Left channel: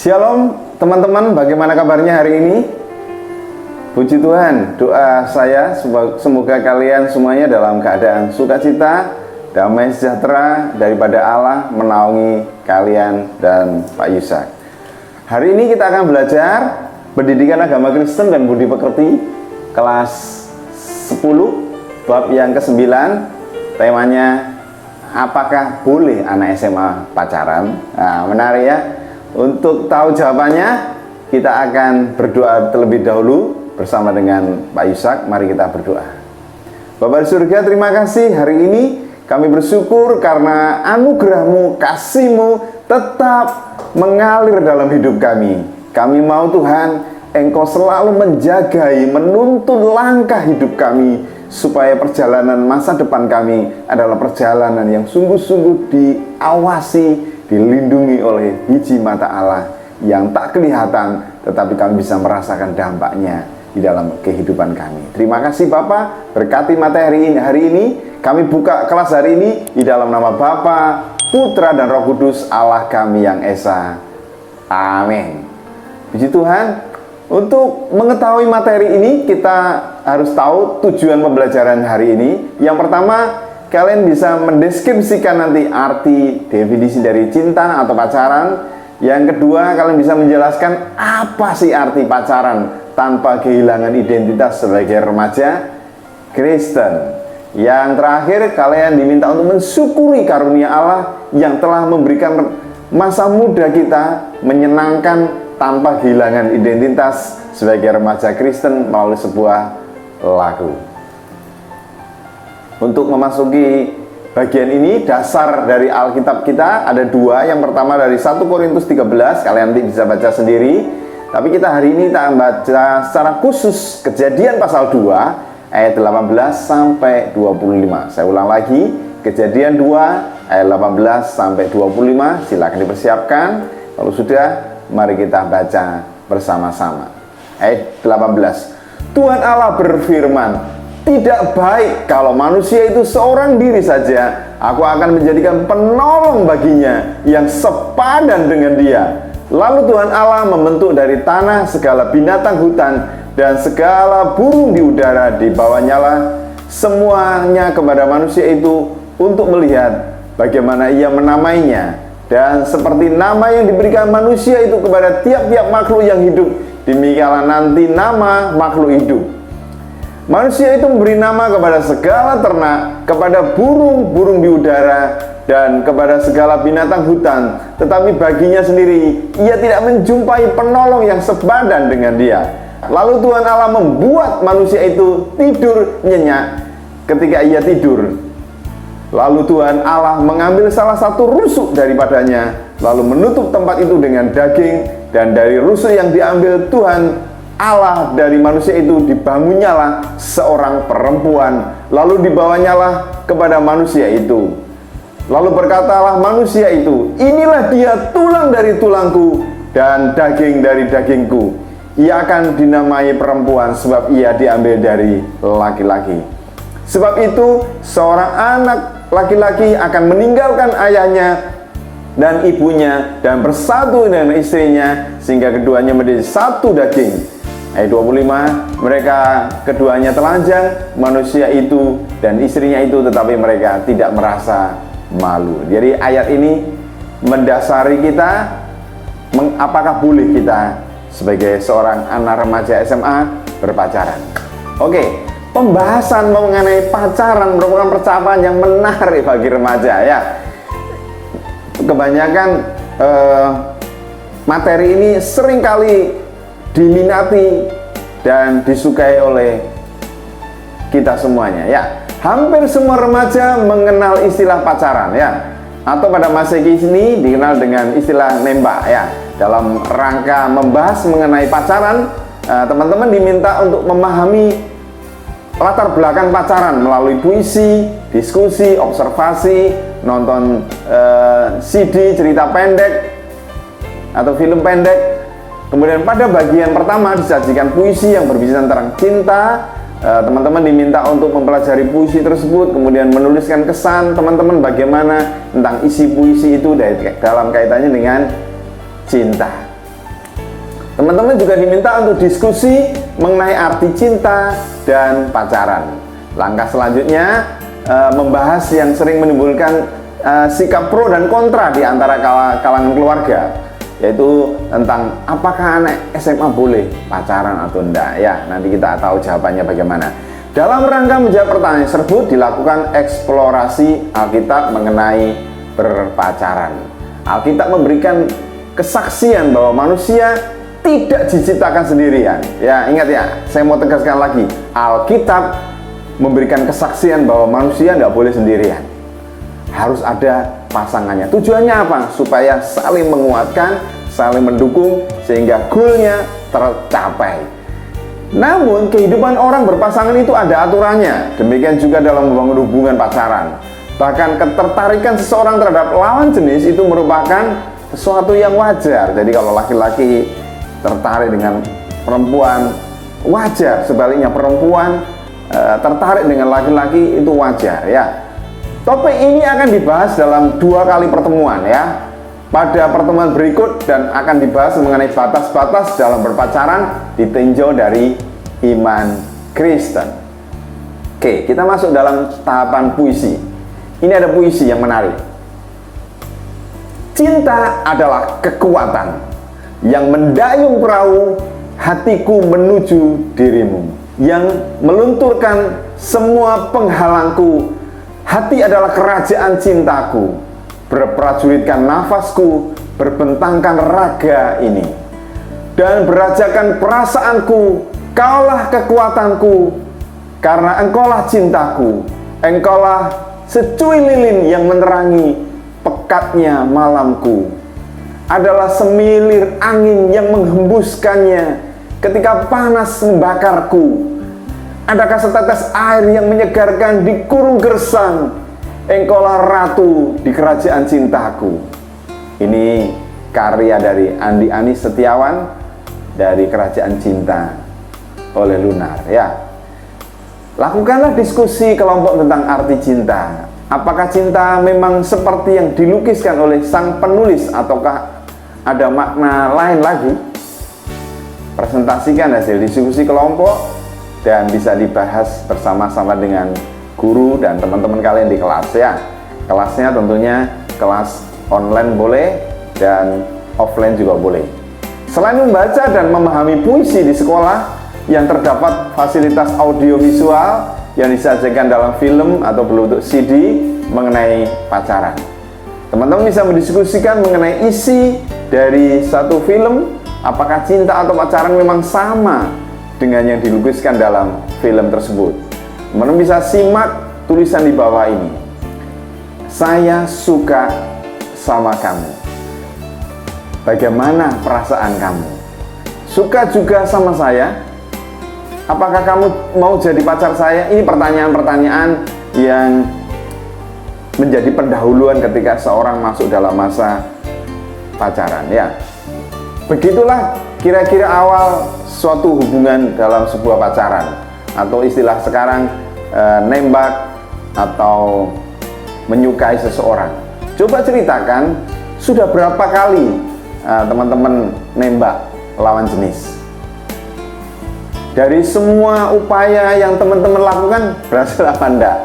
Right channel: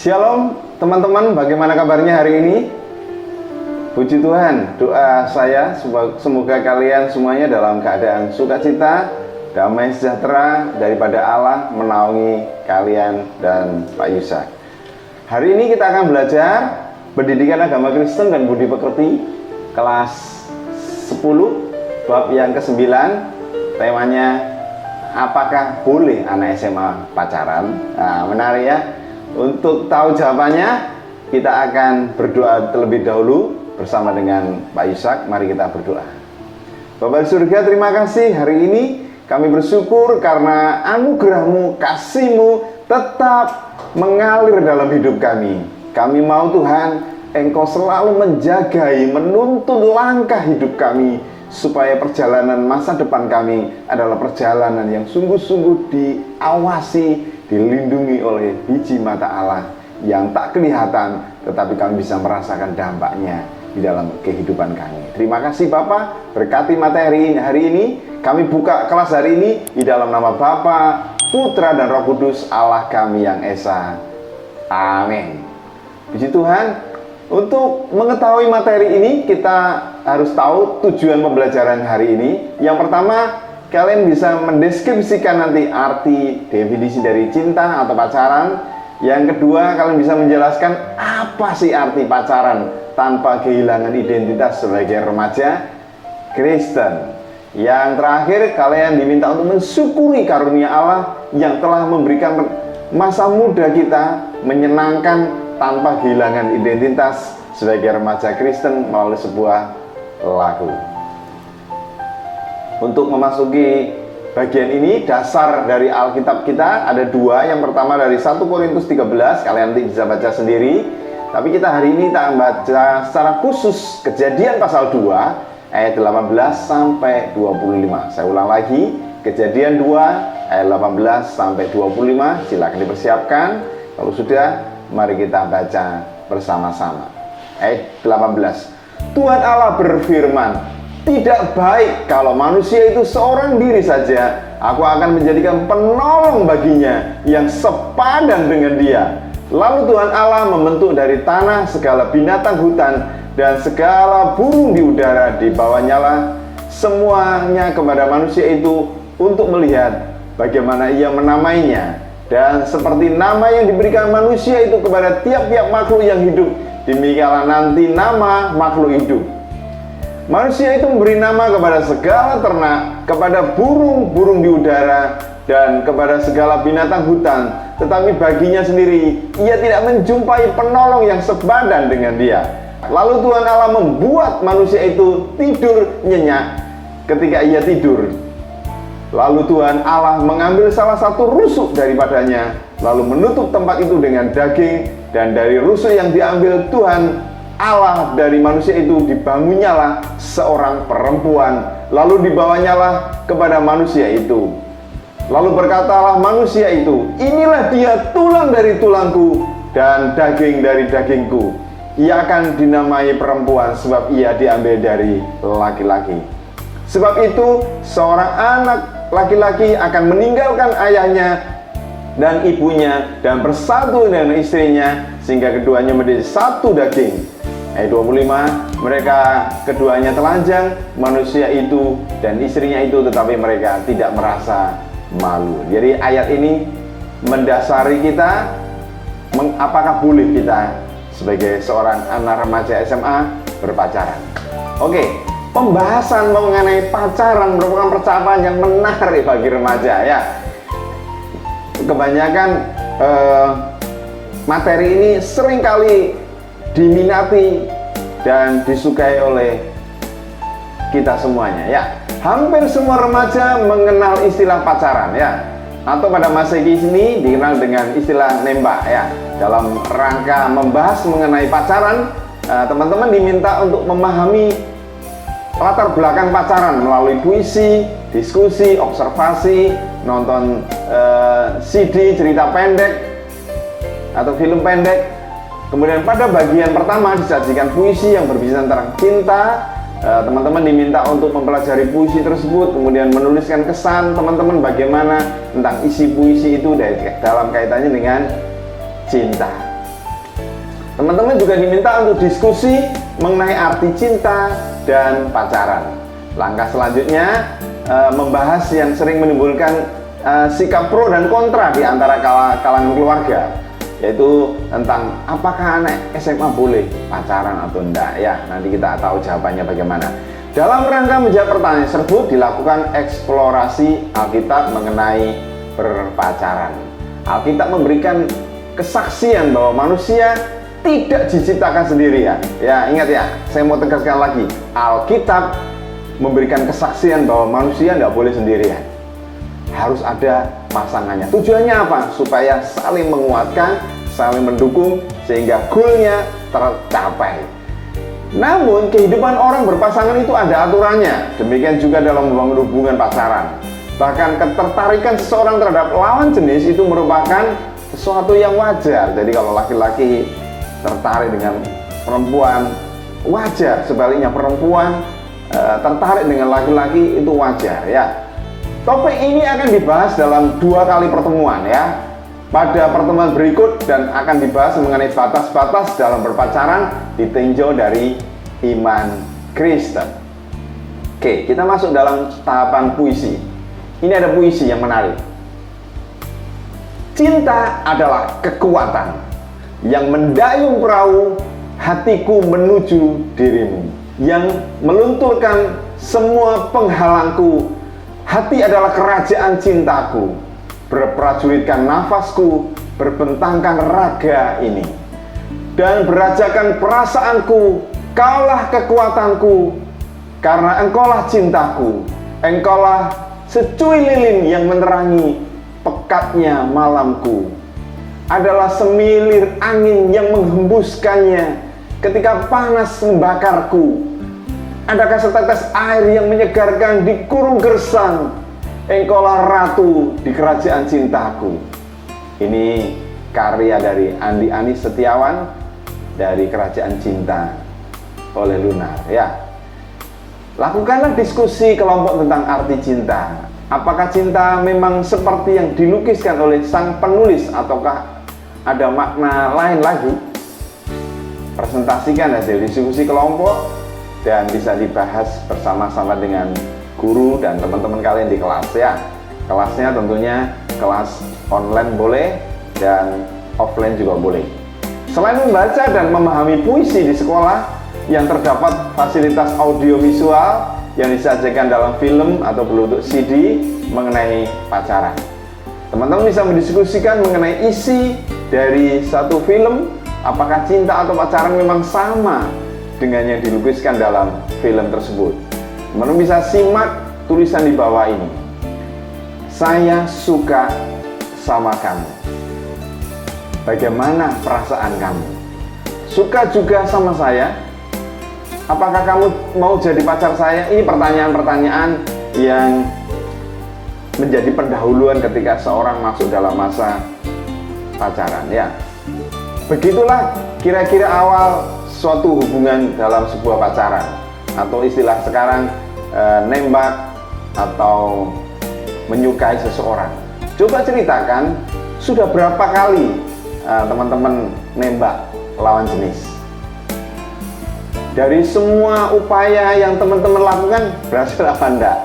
Shalom teman-teman, bagaimana kabarnya hari ini? Puji Tuhan, doa saya semoga kalian semuanya dalam keadaan sukacita, damai sejahtera daripada Allah menaungi kalian dan Pak Yusak. Hari ini kita akan belajar pendidikan agama Kristen dan budi pekerti kelas 10 bab yang ke-9. Temanya, apakah boleh anak SMA pacaran? Nah, menarik ya. Untuk tahu jawabannya, kita akan berdoa terlebih dahulu bersama dengan Pak Yusak. Mari kita berdoa. Bapa di surga, terima kasih hari ini kami bersyukur karena anugerah-Mu, kasih-Mu tetap mengalir dalam hidup kami. Kami mau Tuhan, Engkau selalu menjagai, menuntun langkah hidup kami, supaya perjalanan masa depan kami adalah perjalanan yang sungguh-sungguh diawasi, dilindungi oleh biji mata Allah yang tak kelihatan, tetapi kami bisa merasakan dampaknya di dalam kehidupan kami. Terima kasih Bapa, berkati materi hari ini. Kami buka kelas hari ini di dalam nama Bapa, Putra dan Roh Kudus, Allah kami yang Esa. Amin. Puji Tuhan. Untuk mengetahui materi ini, kita harus tahu tujuan pembelajaran hari ini. Yang pertama, kalian bisa mendeskripsikan nanti arti definisi dari cinta atau pacaran. Yang kedua, kalian bisa menjelaskan apa sih arti pacaran tanpa kehilangan identitas sebagai remaja Kristen. Yang terakhir, kalian diminta untuk mensyukuri karunia Allah yang telah memberikan masa muda kita menyenangkan tanpa kehilangan identitas sebagai remaja Kristen melalui sebuah lagu. Untuk memasuki bagian ini, dasar dari Alkitab kita ada dua. Yang pertama dari 1 Korintus 13, kalian nanti bisa baca sendiri. Tapi kita hari ini akan baca secara khusus Kejadian pasal 2 ayat 18 sampai 25. Saya ulang lagi, Kejadian 2 ayat 18 sampai 25. Silakan dipersiapkan. Kalau sudah, mari kita baca bersama-sama. Ayat 18. Tuhan Allah berfirman, tidak baik kalau manusia itu seorang diri saja. Aku akan menjadikan penolong baginya yang sepadan dengan dia. Lalu Tuhan Allah membentuk dari tanah segala binatang hutan dan segala burung di udara, dibawanya lah semuanya kepada manusia itu untuk melihat bagaimana ia menamainya. Dan seperti nama yang diberikan manusia itu kepada tiap-tiap makhluk yang hidup, demikianlah nanti nama makhluk hidup. Manusia itu memberi nama kepada segala ternak, kepada burung-burung di udara, dan kepada segala binatang hutan. Tetapi baginya sendiri, ia tidak menjumpai penolong yang sepadan dengan dia. Lalu Tuhan Allah membuat manusia itu tidur nyenyak ketika ia tidur. Lalu Tuhan Allah mengambil salah satu rusuk daripadanya, lalu menutup tempat itu dengan daging, dan dari rusuk yang diambil Tuhan Allah dari manusia itu dibangunnyalah seorang perempuan, lalu dibawanyalah kepada manusia itu. Lalu berkatalah manusia itu, inilah dia tulang dari tulangku dan daging dari dagingku. Ia akan dinamai perempuan sebab ia diambil dari laki-laki. Sebab itu seorang anak laki-laki akan meninggalkan ayahnya dan ibunya dan bersatu dengan istrinya sehingga keduanya menjadi satu daging. Ayat 25, mereka keduanya telanjang, manusia itu dan istrinya itu, tetapi mereka tidak merasa malu. Jadi ayat ini mendasari kita, apakah boleh kita sebagai seorang anak remaja SMA berpacaran. Oke. Pembahasan mengenai pacaran merupakan percakapan yang menarik bagi remaja ya. Kebanyakan materi ini seringkali diminati dan disukai oleh kita semuanya ya. Hampir semua remaja mengenal istilah pacaran ya. Atau pada masa kini dikenal dengan istilah nembak ya. Dalam rangka membahas mengenai pacaran, teman-teman diminta untuk memahami latar belakang pacaran melalui puisi, diskusi, observasi, nonton CD, cerita pendek atau film pendek. Kemudian pada bagian pertama disajikan puisi yang berbicara tentang cinta. Teman-teman diminta untuk mempelajari puisi tersebut, kemudian menuliskan kesan teman-teman bagaimana tentang isi puisi itu dalam kaitannya dengan cinta. Teman-teman juga diminta untuk diskusi mengenai arti cinta dan pacaran. Langkah selanjutnya membahas yang sering menimbulkan sikap pro dan kontra di antara kalangan keluarga, yaitu tentang apakah anak SMA boleh pacaran atau enggak. Ya, nanti kita tahu jawabannya bagaimana. Dalam rangka menjawab pertanyaan tersebut dilakukan eksplorasi Alkitab mengenai berpacaran. Alkitab memberikan kesaksian bahwa manusia tidak diciptakan sendirian. Ya, ingat ya, saya mau tegaskan lagi, Alkitab memberikan kesaksian bahwa manusia tidak boleh sendirian, harus ada pasangannya. Tujuannya apa? Supaya saling menguatkan, saling mendukung, sehingga goalnya tercapai. Namun kehidupan orang berpasangan itu ada aturannya. Demikian juga dalam membangun hubungan pacaran. Bahkan ketertarikan seseorang terhadap lawan jenis itu merupakan sesuatu yang wajar. Jadi kalau laki-laki tertarik dengan perempuan, wajar. Sebaliknya perempuan tertarik dengan laki-laki, itu wajar ya. Topik ini akan dibahas dalam 2 kali pertemuan ya, pada pertemuan berikut, dan akan dibahas mengenai batas-batas dalam berpacaran ditinjau dari iman Kristen. Oke, kita masuk dalam tahapan puisi. Ini ada puisi yang menarik. Cinta adalah kekuatan yang mendayung perahu hatiku menuju dirimu, yang melunturkan semua penghalangku. Hati adalah kerajaan cintaku, berprajuritkan nafasku, berbentangkan raga ini, dan berajakan perasaanku. Kaulah kekuatanku, karena engkaulah cintaku. Engkaulah secuil lilin yang menerangi pekatnya malamku, adalah semilir angin yang menghembuskannya ketika panas membakarku. Adakah setetes air yang menyegarkan di kurung gersang. Engkaulah ratu di kerajaan cintaku. Ini karya dari Andi Anis Setiawan dari Kerajaan Cinta oleh Lunar ya. Lakukanlah diskusi kelompok tentang arti cinta. Apakah cinta memang seperti yang dilukiskan oleh sang penulis, ataukah ada makna lain lagi? Presentasikan hasil diskusi kelompok dan bisa dibahas bersama-sama dengan guru dan teman-teman kalian di kelas ya. Kelasnya tentunya kelas online boleh dan offline juga boleh. Selain membaca dan memahami puisi di sekolah, yang terdapat fasilitas audiovisual yang disajikan dalam film atau berbentuk CD mengenai pacaran. Teman-teman bisa mendiskusikan mengenai isi dari satu film, apakah cinta atau pacaran memang sama dengan yang dilukiskan dalam film tersebut. Teman-teman bisa simak tulisan di bawah ini. Saya suka sama kamu. Bagaimana perasaan kamu? Suka juga sama saya? Apakah kamu mau jadi pacar saya? Ini pertanyaan-pertanyaan yang menjadi pendahuluan ketika seorang masuk dalam masa pacaran ya. Begitulah kira-kira awal suatu hubungan dalam sebuah pacaran, atau istilah sekarang nembak atau menyukai seseorang. Coba ceritakan, sudah berapa kali teman-teman nembak lawan jenis? Dari semua upaya yang teman-teman lakukan, berhasil apa enggak?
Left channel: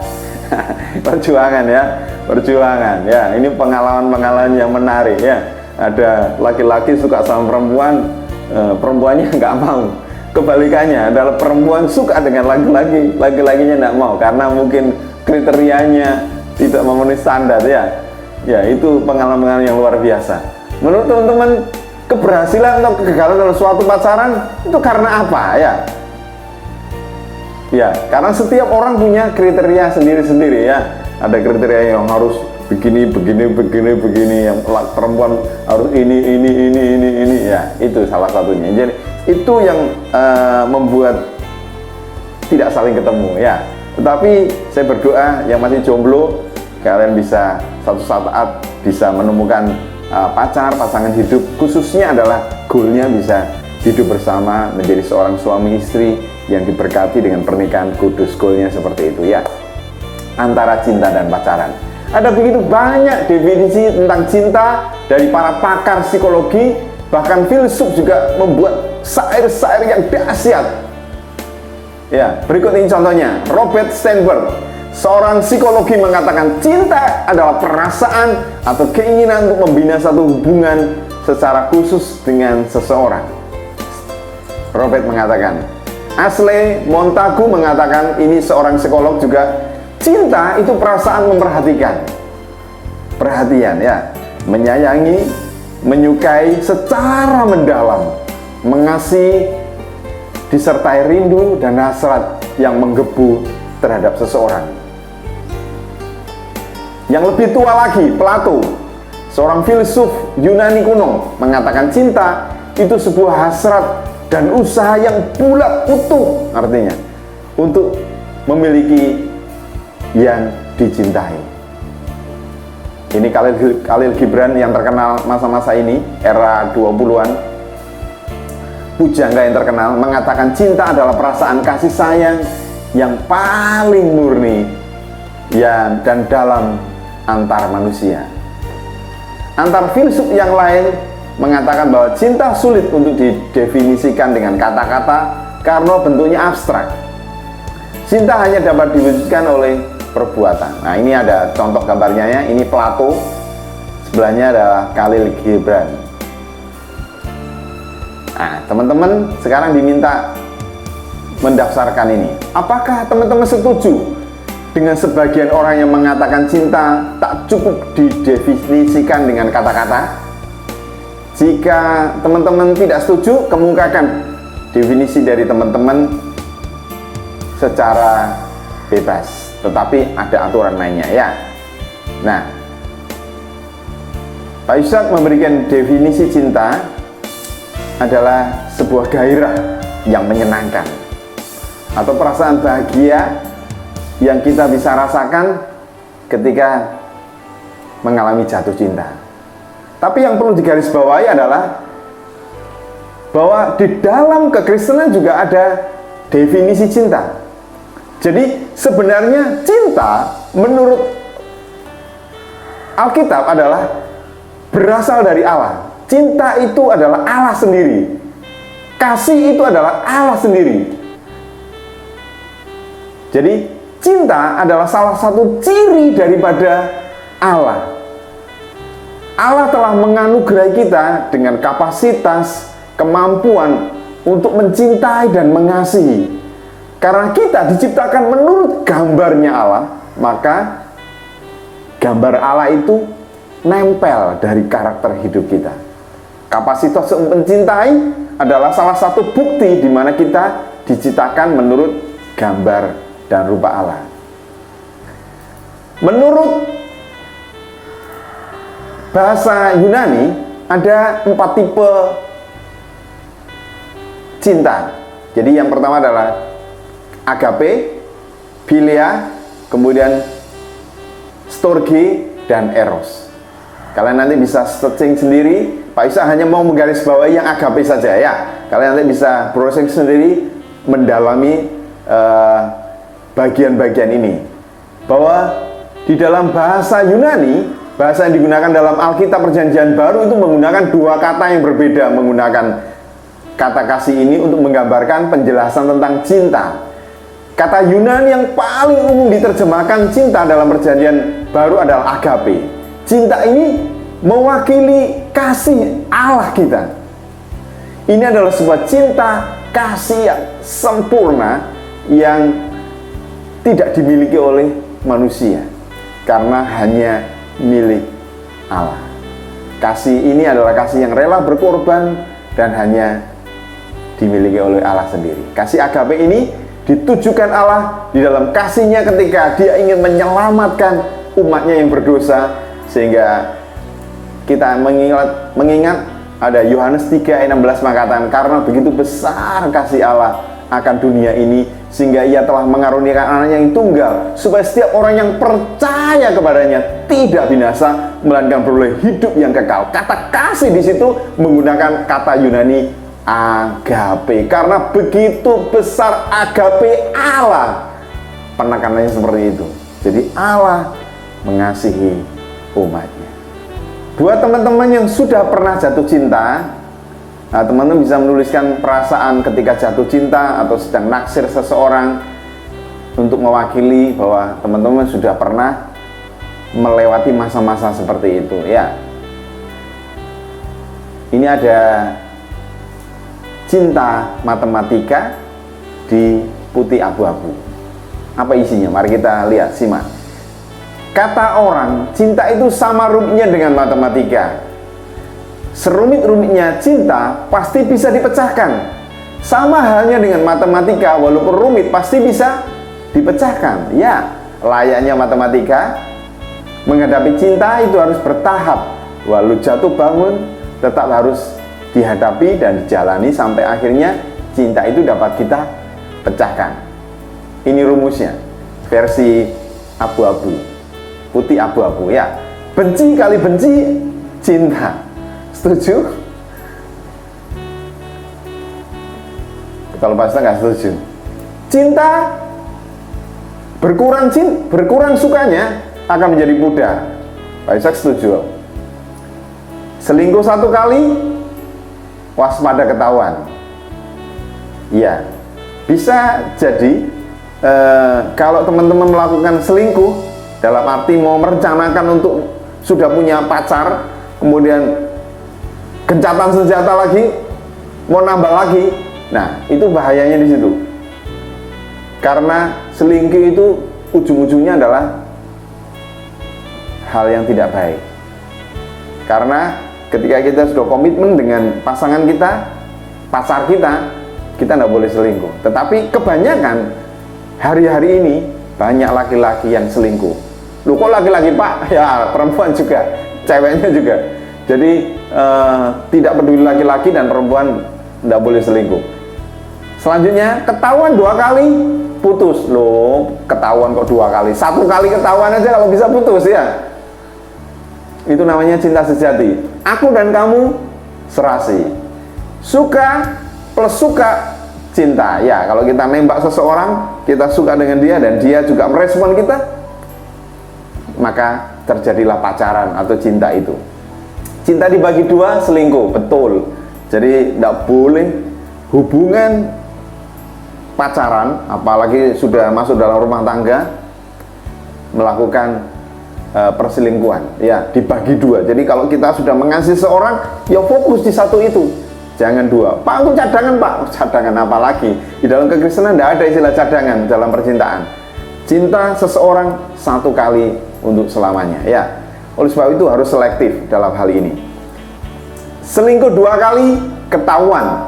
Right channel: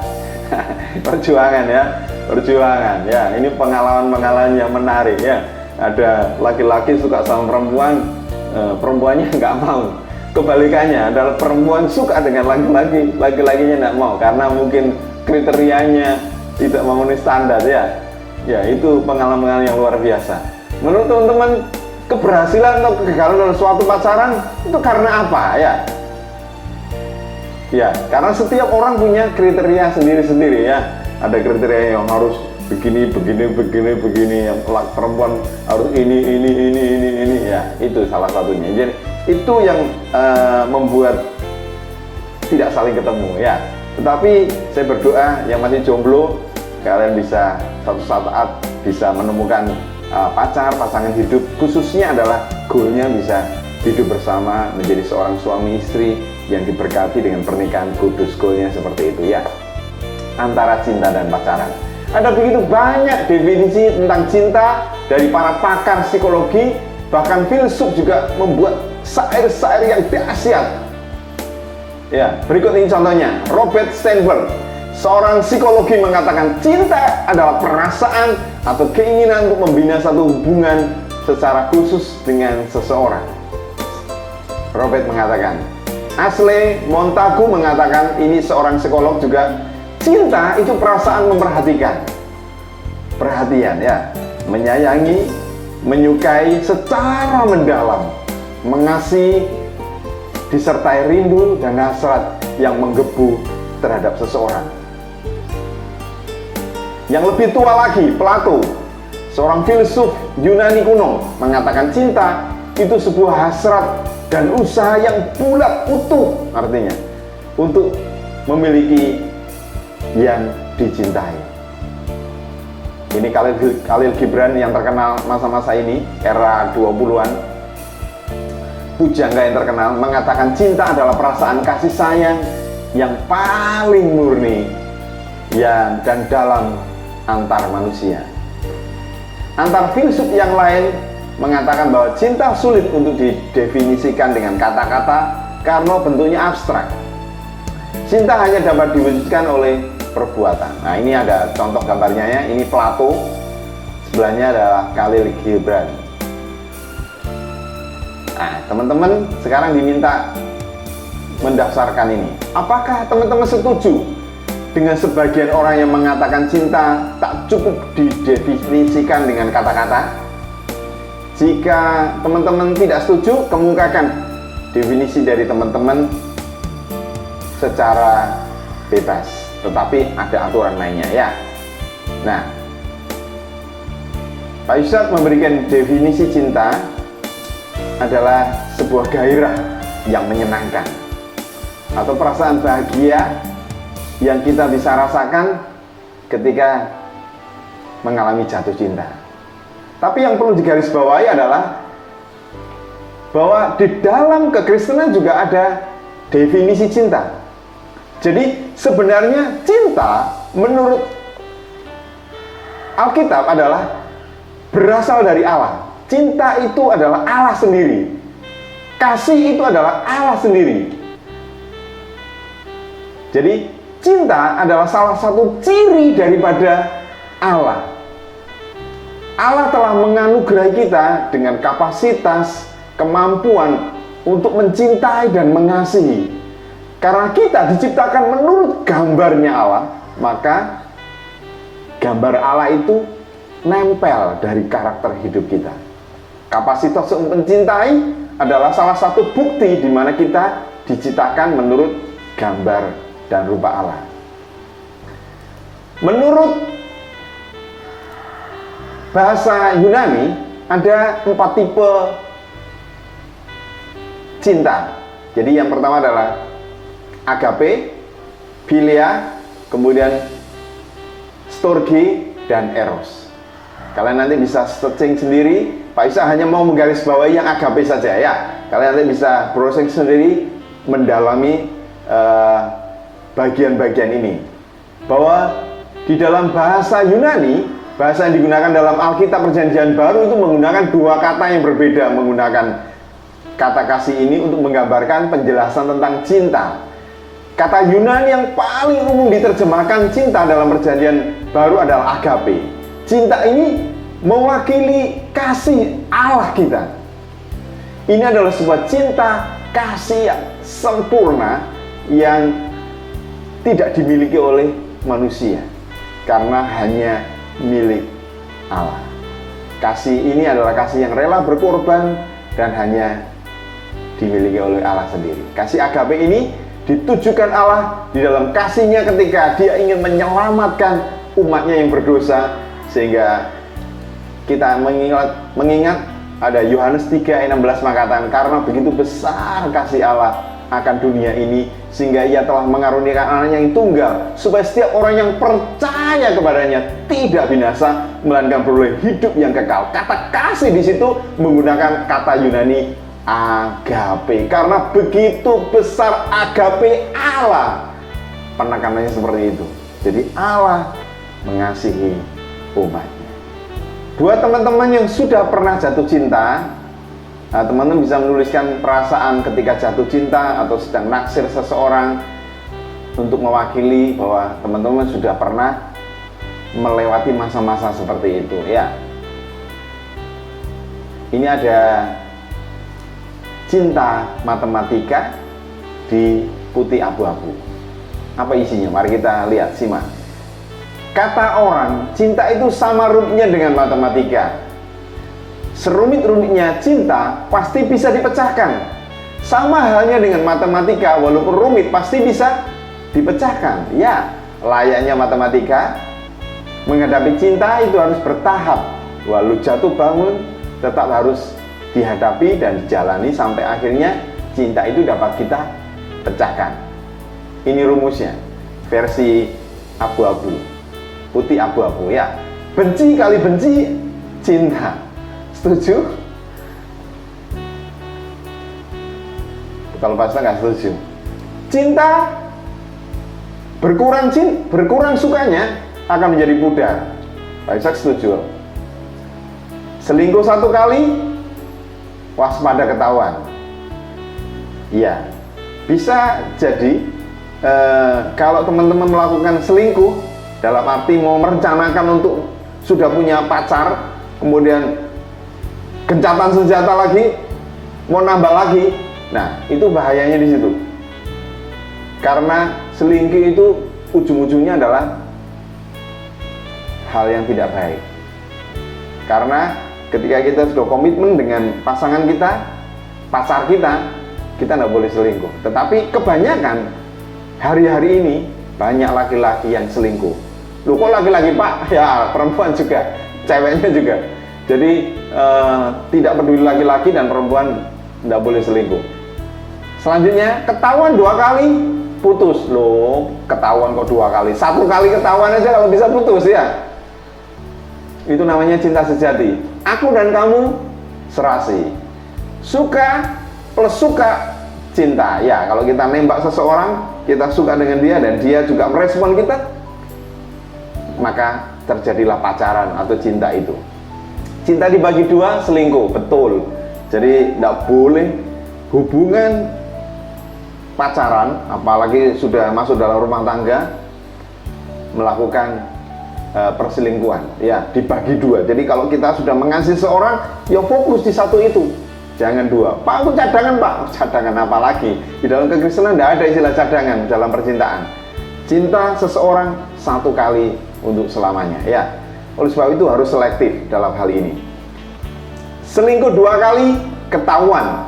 Perjuangan ya, perjuangan ya. Ini pengalaman-pengalaman yang menarik ya. Ada laki-laki suka sama perempuan, perempuannya nggak mau. Kebalikannya adalah perempuan suka dengan laki-laki, laki-lakinya nggak mau karena mungkin kriterianya tidak memenuhi standar ya. Ya, itu pengalaman yang luar biasa. Menurut teman-teman, keberhasilan atau kegagalan dalam suatu pacaran itu karena apa ya? Ya, karena setiap orang punya kriteria sendiri-sendiri ya. Ada kriteria yang harus begini, yang perempuan harus ini ya. Itu salah satunya. Jadi itu yang membuat tidak saling ketemu ya. Tetapi saya berdoa yang masih jomblo, kalian bisa suatu saat bisa menemukan pasangan hidup, khususnya adalah goalnya bisa hidup bersama menjadi seorang suami istri yang diberkati dengan pernikahan kudus. Goalnya seperti itu ya, antara cinta dan pacaran. Ada begitu banyak definisi tentang cinta dari para pakar psikologi, Bahkan filsuf juga membuat syair-syair yang dahsyat. Ya, berikut ini contohnya. Robert Sternberg, seorang psikologi, mengatakan cinta adalah perasaan atau keinginan untuk membina satu hubungan secara khusus dengan seseorang. Robert mengatakan. Ashley Montagu mengatakan, ini seorang psikolog juga, cinta itu perasaan memperhatikan, perhatian ya, menyayangi, menyukai secara mendalam, mengasihi, disertai rindu dan hasrat yang menggebu terhadap seseorang. Yang lebih tua lagi, Plato, seorang filsuf Yunani kuno, mengatakan cinta itu sebuah hasrat dan usaha yang bulat utuh, artinya untuk memiliki yang dicintai. Ini Khalil Gibran yang terkenal masa-masa ini, era 20-an, pujangga yang terkenal, mengatakan cinta adalah perasaan kasih sayang yang paling murni dan dalam antar manusia. Antar filsuf yang lain mengatakan bahwa cinta sulit untuk didefinisikan dengan kata-kata karena bentuknya abstrak. Cinta hanya dapat diwujudkan oleh perbuatan. Nah, ini ada contoh gambarnya ya. Ini Plato, sebelahnya adalah Khalil Gibran. Nah, teman-teman sekarang diminta mendaftarkan ini. Apakah teman-teman setuju dengan sebagian orang yang mengatakan cinta tak cukup didefinisikan dengan kata-kata? Jika teman-teman tidak setuju, kemukakan definisi dari teman-teman secara bebas, tetapi ada aturan lainnya ya. Nah, Pak Ishak memberikan definisi cinta adalah sebuah gairah yang menyenangkan atau perasaan bahagia yang kita bisa rasakan ketika mengalami jatuh cinta. Tapi yang perlu digarisbawahi adalah bahwa di dalam kekristenan juga ada definisi cinta. Jadi sebenarnya cinta menurut Alkitab adalah berasal dari Allah. Cinta itu adalah Allah sendiri. Kasih itu adalah Allah sendiri. Jadi cinta adalah salah satu ciri daripada Allah. Allah telah menganugerahi kita dengan kapasitas, kemampuan untuk mencintai dan mengasihi. Karena kita diciptakan menurut gambarnya Allah, maka gambar Allah itu nempel dari karakter hidup kita. Kapasitas untuk mencintai adalah salah satu bukti di mana kita diciptakan menurut gambar dan rupa Allah. Menurut bahasa Yunani ada 4 tipe cinta. Jadi yang pertama adalah agape, philia, kemudian storge, dan eros. Kalian nanti bisa searching sendiri. Pak Isa hanya mau menggarisbawahi yang agape saja ya. Kalian nanti bisa browsing sendiri, mendalami bagian-bagian ini. Bahwa di dalam bahasa Yunani, bahasa yang digunakan dalam Alkitab Perjanjian Baru itu menggunakan 2 kata yang berbeda, menggunakan kata kasih ini untuk menggambarkan penjelasan tentang cinta. Kata Yunani yang paling umum diterjemahkan cinta dalam Perjanjian Baru adalah agape. Cinta ini mewakili kasih Allah kita. Ini adalah sebuah cinta kasih yang sempurna yang tidak dimiliki oleh manusia karena hanya milik Allah. Kasih ini adalah kasih yang rela berkorban dan hanya dimiliki oleh Allah sendiri. Kasih agape ini ditujukan Allah di dalam kasihnya ketika dia ingin menyelamatkan umatnya yang berdosa, sehingga kita mengingat ada Yohanes 3 ayat 16 mengatakan, karena begitu besar kasih Allah akan dunia ini sehingga ia telah mengaruniakan anaknya yang tunggal supaya setiap orang yang percaya kepadanya tidak binasa melainkan beroleh hidup yang kekal. Kata kasih di situ menggunakan kata Yunani agape, karena begitu besar agape Allah. Penekanannya seperti itu. Jadi Allah mengasihi umatnya. Buat teman-teman yang sudah pernah jatuh cinta Nah, teman-teman bisa menuliskan perasaan ketika jatuh cinta atau sedang naksir seseorang untuk mewakili bahwa teman-teman sudah pernah melewati masa-masa seperti itu ya. Ini ada cinta matematika di putih abu-abu. Apa isinya? Mari kita lihat, simak. Kata orang, cinta itu sama rumitnya dengan matematika. Serumit-rumitnya cinta pasti bisa dipecahkan. Sama halnya dengan matematika, walaupun rumit pasti bisa dipecahkan. Ya, layaknya matematika, menghadapi cinta itu harus bertahap. Walau jatuh bangun, tetap harus dihadapi dan dijalani sampai akhirnya cinta itu dapat kita pecahkan. Ini rumusnya, versi abu-abu, putih abu-abu ya. Benci kali benci, cinta. Setuju? Kalau pastor nggak setuju. Cinta berkurang sukanya akan menjadi pudar. Pak Ishak setuju. Selingkuh satu kali, waspada ketahuan. Iya, bisa jadi kalau teman-teman melakukan selingkuh dalam arti mau merencanakan untuk sudah punya pacar, kemudian gencatan senjata lagi, mau nambah lagi. Nah, itu bahayanya di situ. Karena selingkuh itu ujung-ujungnya adalah hal yang tidak baik. Karena ketika kita sudah komitmen dengan pasangan kita, pacar kita tidak boleh selingkuh. Tetapi kebanyakan hari-hari ini banyak laki-laki yang selingkuh. Loh, kok laki-laki Pak? Ya, perempuan juga, ceweknya juga. Jadi tidak peduli laki-laki dan perempuan tidak boleh selingkuh. Selanjutnya, ketahuan 2 kali putus. Loh, ketahuan kok 2 kali? 1 kali ketahuan aja kalau bisa putus ya. Itu namanya cinta sejati. Aku dan kamu serasi. Suka plus suka, cinta. Ya, kalau kita nembak seseorang, kita suka dengan dia dan dia juga merespon kita, maka terjadilah pacaran atau cinta itu. Cinta dibagi 2, selingkuh, betul. Jadi tidak boleh hubungan pacaran, apalagi sudah masuk dalam rumah tangga, melakukan perselingkuhan. Ya, dibagi 2. Jadi kalau kita sudah mengasihi seorang, ya fokus di satu itu, jangan 2. Pak, aku cadangan Pak. Cadangan apa lagi? Di dalam kekristenan tidak ada istilah cadangan dalam percintaan. Cinta seseorang 1 kali untuk selamanya ya. Oleh sebab itu harus selektif dalam hal ini. Selingkuh 2 kali ketahuan,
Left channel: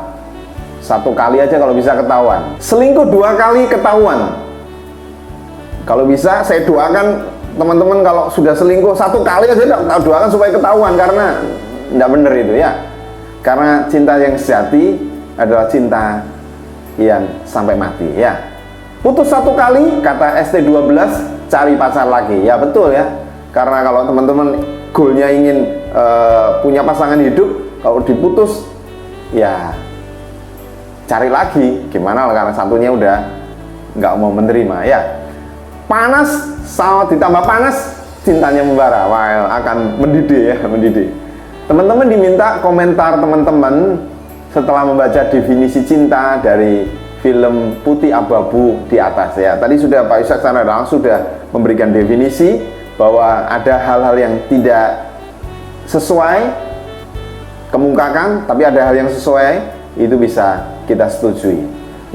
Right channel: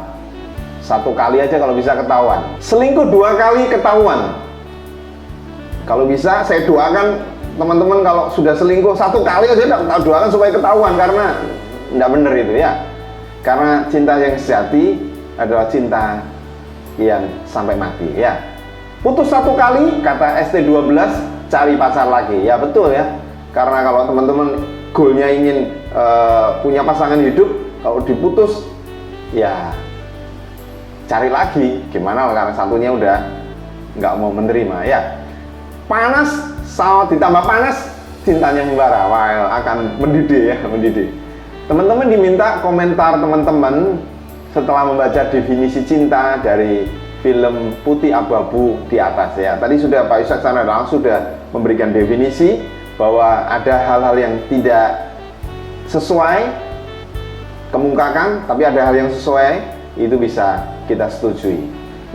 1 kali aja kalau bisa ketahuan. Selingkuh 2 kali ketahuan. Kalau bisa saya doakan teman-teman kalau sudah selingkuh 1 kali aja, saya doakan supaya ketahuan, karena tidak benar itu ya. Karena cinta yang sejati adalah cinta yang sampai mati ya. Putus 1 kali, kata ST12, cari pacar lagi. Ya betul ya. Karena kalau teman-teman goalnya ingin punya pasangan hidup, kalau diputus ya cari lagi. Gimana karena satunya udah nggak mau menerima ya. Panas sama ditambah panas, cintanya membara. Wah, akan mendidih ya, mendidih. Teman-teman diminta komentar teman-teman setelah membaca definisi cinta dari film Putih Abu-Abu di atas ya. Tadi sudah Pak Ishak Sanadang sudah memberikan definisi bahwa ada hal-hal yang tidak sesuai kemukakan, tapi ada hal yang sesuai, itu bisa kita setujui.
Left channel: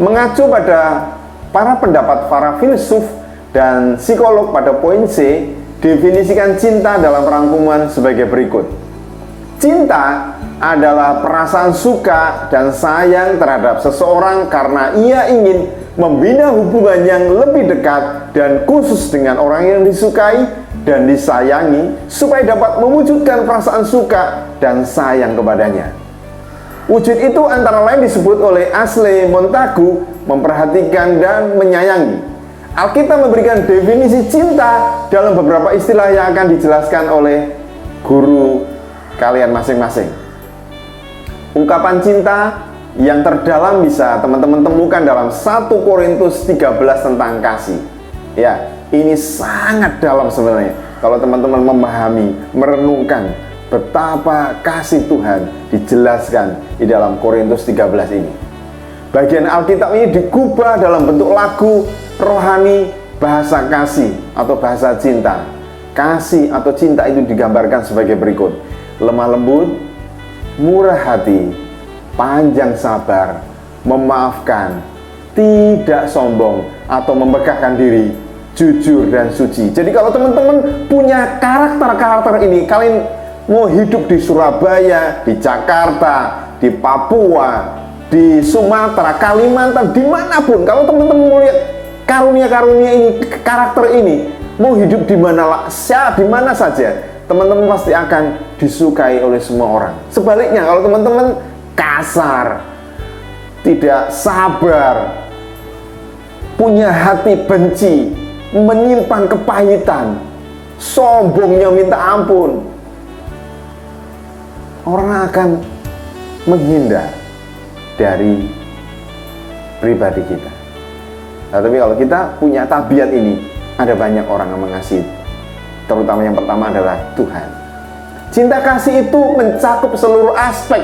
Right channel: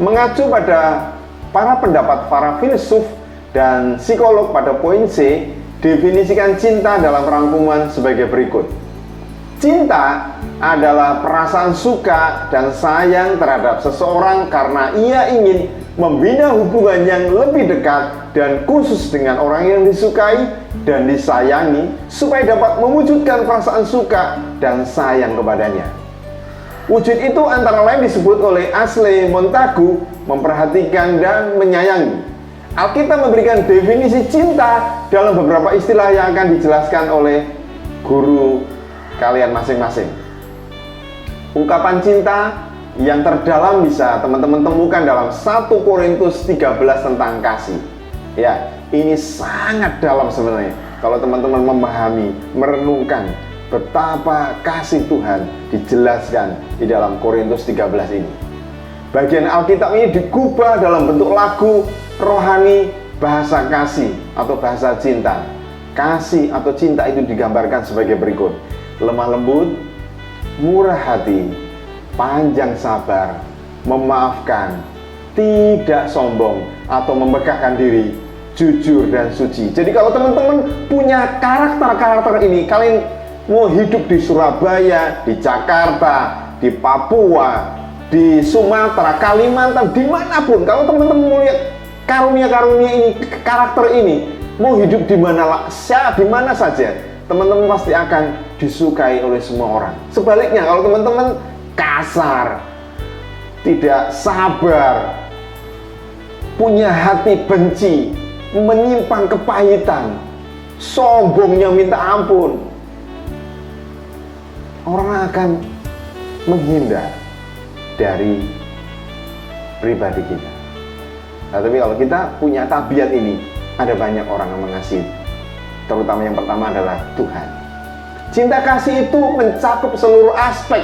Mengacu pada para pendapat para filsuf dan psikolog pada poin C, definisikan cinta dalam rangkuman sebagai berikut. Cinta adalah perasaan suka dan sayang terhadap seseorang karena ia ingin membina hubungan yang lebih dekat dan khusus dengan orang yang disukai dan disayangi supaya dapat mewujudkan perasaan suka dan sayang kepadanya. Wujud itu antara lain disebut oleh Ashley Montagu memperhatikan dan menyayangi. Alkitab memberikan definisi cinta dalam beberapa istilah yang akan dijelaskan oleh guru kalian masing-masing. Ungkapan cinta yang terdalam bisa teman-teman temukan dalam 1 Korintus 13 tentang kasih. Ya, ini sangat dalam sebenarnya. Kalau teman-teman memahami, merenungkan betapa kasih Tuhan dijelaskan di dalam Korintus 13 ini. Bagian Alkitab ini digubah dalam bentuk lagu rohani bahasa kasih atau bahasa cinta. Kasih atau cinta itu digambarkan sebagai berikut: lemah lembut, murah hati, panjang sabar, memaafkan, tidak sombong atau membanggakan diri, jujur dan suci. Jadi kalau teman-teman punya karakter-karakter ini, kalian mau hidup di Surabaya, di Jakarta, di Papua, di Sumatera, Kalimantan, dimanapun, kalau teman-teman melihat karunia-karunia ini, karakter ini, mau hidup di mana saja, teman-teman pasti akan disukai oleh semua orang. Sebaliknya, kalau teman-teman kasar, tidak sabar, punya hati benci, menyimpan kepahitan, sombongnya minta ampun, orang akan menghindar dari pribadi kita. Nah, tapi kalau kita punya tabiat ini, ada banyak orang yang mengasihi. Terutama yang pertama adalah Tuhan. Cinta kasih itu mencakup seluruh aspek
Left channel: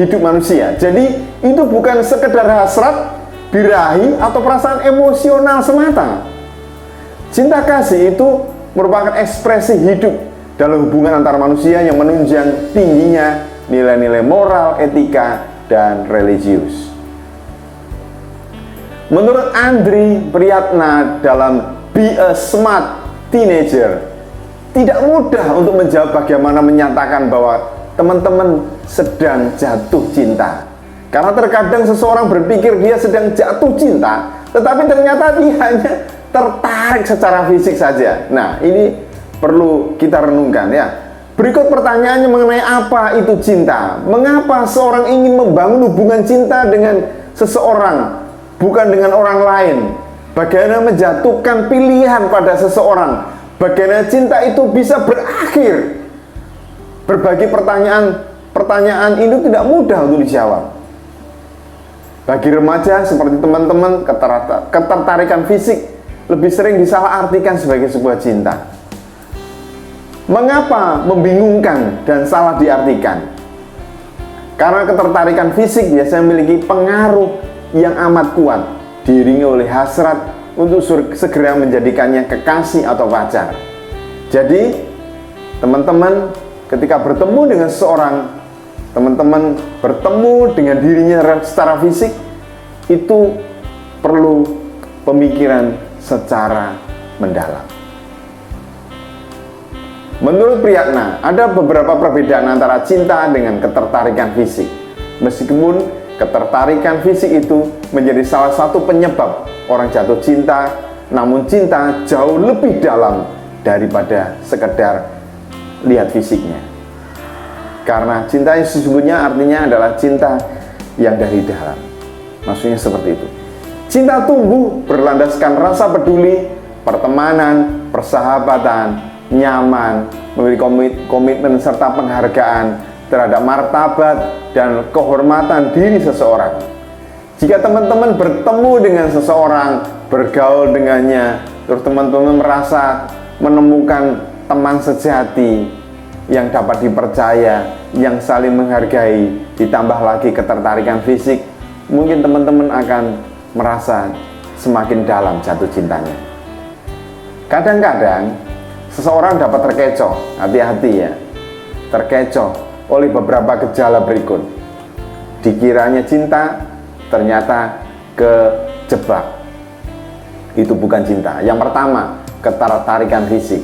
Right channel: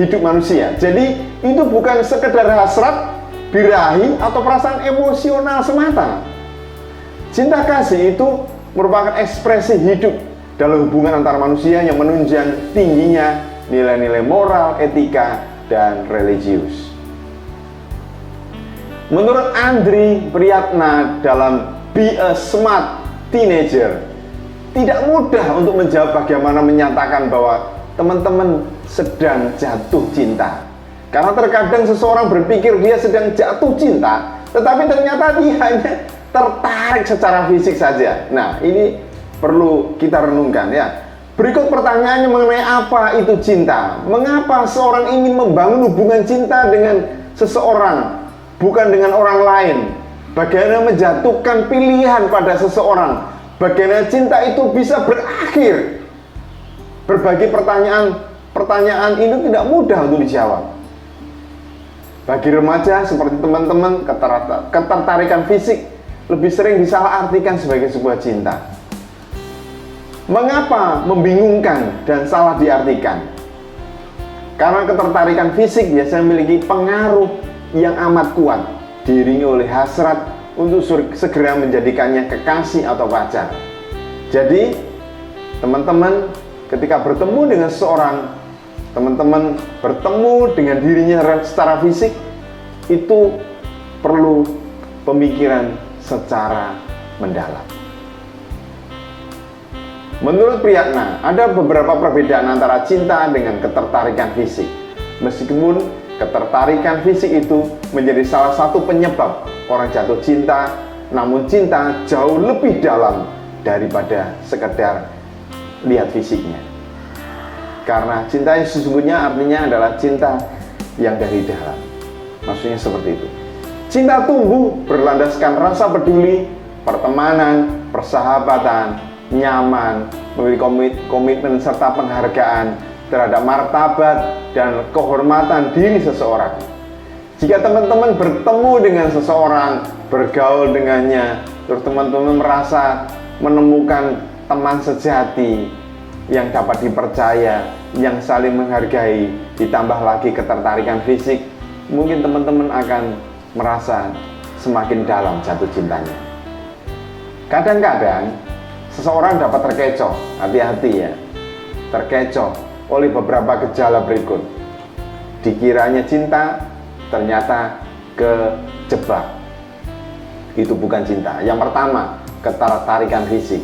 hidup manusia. Jadi itu bukan sekedar hasrat, birahi, atau perasaan emosional semata. Cinta kasih itu merupakan ekspresi hidup dalam hubungan antar manusia yang menunjang tingginya nilai-nilai moral, etika, dan religius. Menurut Andri Priyatna dalam Be a Smart Teenager, tidak mudah untuk menjawab bagaimana menyatakan bahwa teman-teman sedang jatuh cinta. Karena terkadang seseorang berpikir dia sedang jatuh cinta, tetapi ternyata dia hanya tertarik secara fisik saja. Nah, ini perlu kita renungkan ya. Berikut pertanyaannya mengenai apa itu cinta. Mengapa seorang ingin membangun hubungan cinta dengan seseorang, bukan dengan orang lain? Bagaimana menjatuhkan pilihan pada seseorang? Bagaimana cinta itu bisa berakhir? Berbagai pertanyaan ini tidak mudah untuk dijawab. Bagi remaja seperti teman-teman, ketertarikan fisik lebih sering disalahartikan sebagai sebuah cinta. Mengapa membingungkan dan salah diartikan? Karena ketertarikan fisik biasanya memiliki pengaruh yang amat kuat, diiringi oleh hasrat untuk segera menjadikannya kekasih atau pacar. Jadi, teman-teman ketika bertemu dengan seseorang, teman-teman bertemu dengan dirinya secara fisik, itu perlu pemikiran secara mendalam. Menurut Priyatna, ada beberapa perbedaan antara cinta dengan ketertarikan fisik. Meskipun ketertarikan fisik itu menjadi salah satu penyebab orang jatuh cinta, namun cinta jauh lebih dalam daripada sekedar lihat fisiknya. Karena cinta yang sesungguhnya artinya adalah cinta yang dari dalam. Maksudnya seperti itu. Cinta tumbuh berlandaskan rasa peduli, pertemanan, persahabatan, nyaman, memiliki komitmen serta penghargaan terhadap martabat dan kehormatan diri seseorang. Jika teman-teman bertemu dengan seseorang, bergaul dengannya, terus teman-teman merasa menemukan teman sejati yang dapat dipercaya, yang saling menghargai, ditambah lagi ketertarikan fisik, mungkin teman-teman akan merasa semakin dalam jatuh cintanya. Kadang-kadang seseorang dapat terkecoh, hati-hati ya, terkecoh oleh beberapa gejala berikut. Dikiranya cinta, ternyata kejebak. Itu bukan cinta. Yang pertama, ketertarikan fisik.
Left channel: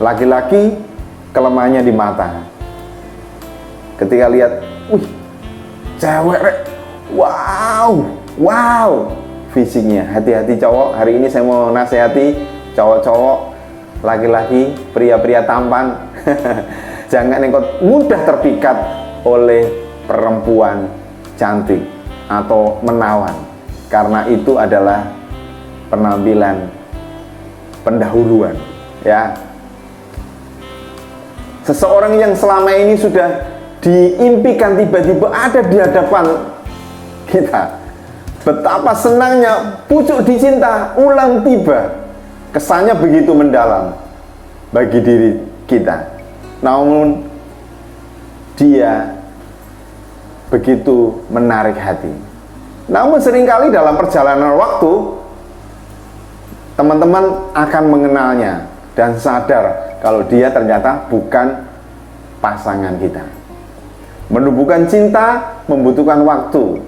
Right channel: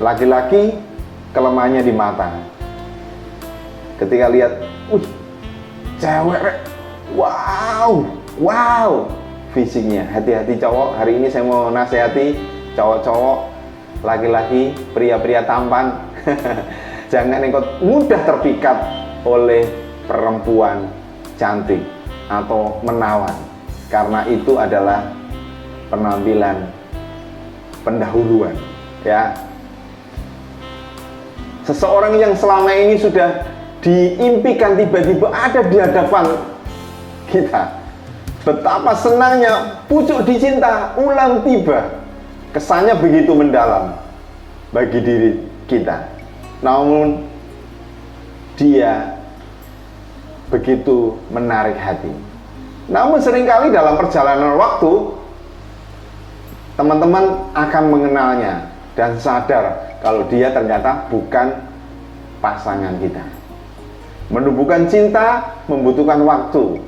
Laki-laki kelemahannya di mata. Ketika lihat, wih, cewek, wow, fisiknya. Hati-hati cowok, hari ini saya mau nasihati cowok-cowok, laki-laki, pria-pria tampan. Jangan engkau mudah terpikat oleh perempuan cantik atau menawan, karena itu adalah penampilan pendahuluan ya. Seseorang yang selama ini sudah diimpikan tiba-tiba ada di hadapan kita, betapa senangnya pucuk dicinta ulang tiba. Kesannya begitu mendalam bagi diri kita. namun dia begitu menarik hati. Namun seringkali dalam perjalanan waktu, teman-teman akan mengenalnya dan sadar kalau dia ternyata bukan pasangan kita. Menumbuhkan cinta membutuhkan waktu.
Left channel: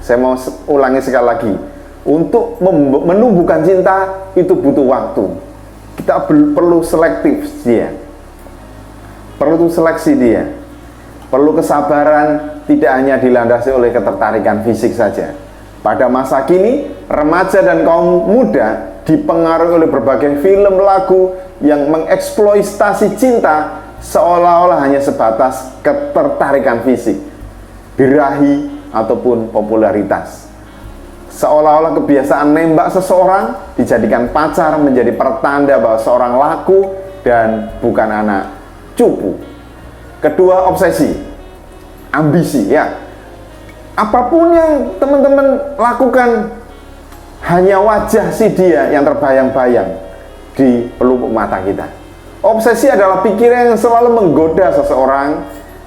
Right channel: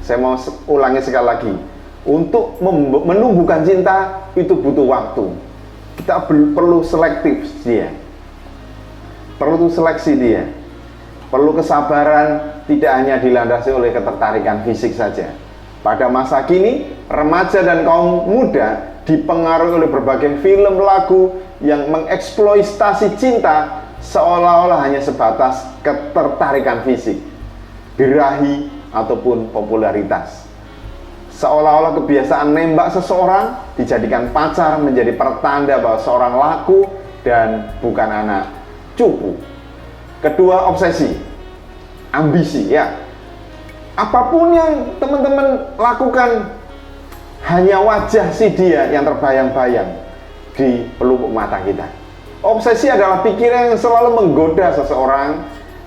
Saya mau ulangi sekali lagi. Untuk menumbuhkan cinta itu butuh waktu. Kita perlu selektif dia. Perlu seleksi dia. Perlu kesabaran, tidak hanya dilandasi oleh ketertarikan fisik saja. Pada masa kini, remaja dan kaum muda dipengaruhi oleh berbagai film lagu yang mengeksploitasi cinta seolah-olah hanya sebatas ketertarikan fisik, birahi, ataupun popularitas. Seolah-olah kebiasaan nembak seseorang dijadikan pacar menjadi pertanda bahwa seorang laku dan bukan anak cupu. Kedua, obsesi, ambisi, ya. Apapun yang teman-teman lakukan, hanya wajah si dia yang terbayang-bayang di pelupuk mata kita. Obsesi adalah pikiran yang selalu menggoda seseorang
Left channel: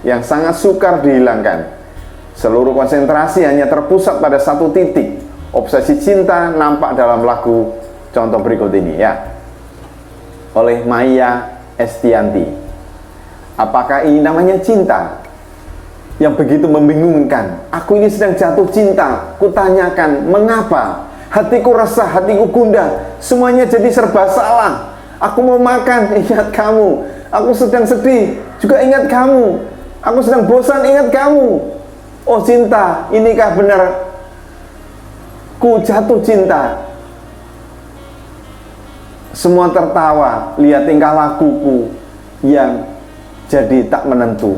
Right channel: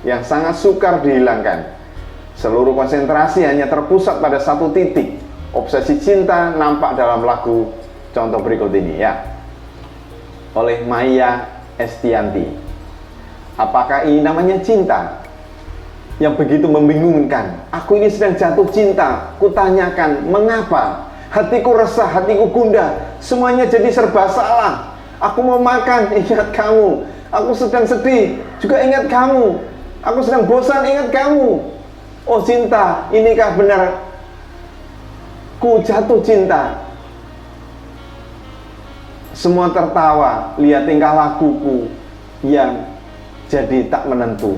yang sangat sukar dihilangkan. Seluruh konsentrasi hanya terpusat pada satu titik. Obsesi cinta nampak dalam lagu contoh berikut ini, ya, oleh Maya Estianti. Apakah ini namanya cinta? Yang begitu membingungkan. Aku ini sedang jatuh cinta. Kutanyakan, mengapa? Hatiku resah, hatiku gundah. Semuanya jadi serba salah. Aku mau makan, ingat kamu. Aku sedang sedih, juga ingat kamu. Aku sedang bosan, ingat kamu. Oh cinta, inikah benar ku jatuh cinta? Semua tertawa, lihat tingkah lakuku yang jadi tak menentu.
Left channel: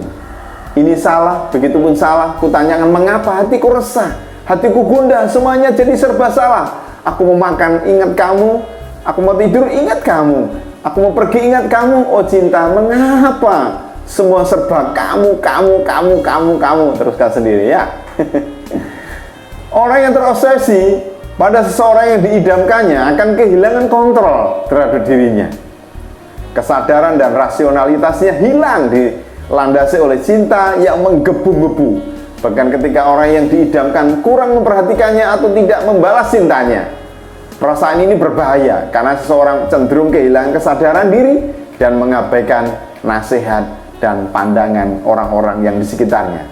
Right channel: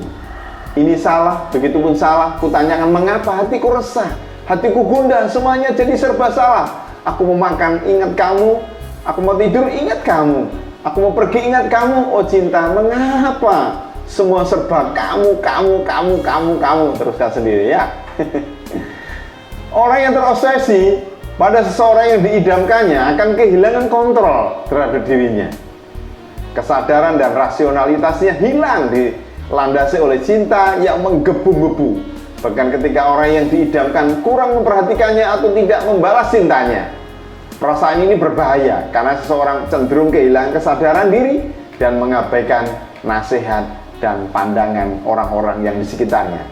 Ini salah, begitupun salah. Kutanyakan, mengapa? Hatiku resah, hatiku gundah, semuanya jadi serba salah. Aku mau makan, ingat kamu. Aku mau tidur, ingat kamu. Aku mau pergi, ingat kamu. Oh cinta, mengapa? Semua serba kamu. Teruskan sendiri, ya. Orang yang terobsesi pada seseorang yang diidamkannya akan kehilangan kontrol terhadap dirinya. Kesadaran dan rasionalitasnya hilang, dilandasi oleh cinta yang menggebu-gebu. Bahkan ketika orang yang diidamkan kurang memperhatikannya atau tidak membalas cintanya. Perasaan ini berbahaya karena seseorang cenderung kehilangan kesadaran diri dan mengabaikan nasihat dan pandangan orang-orang yang di sekitarnya.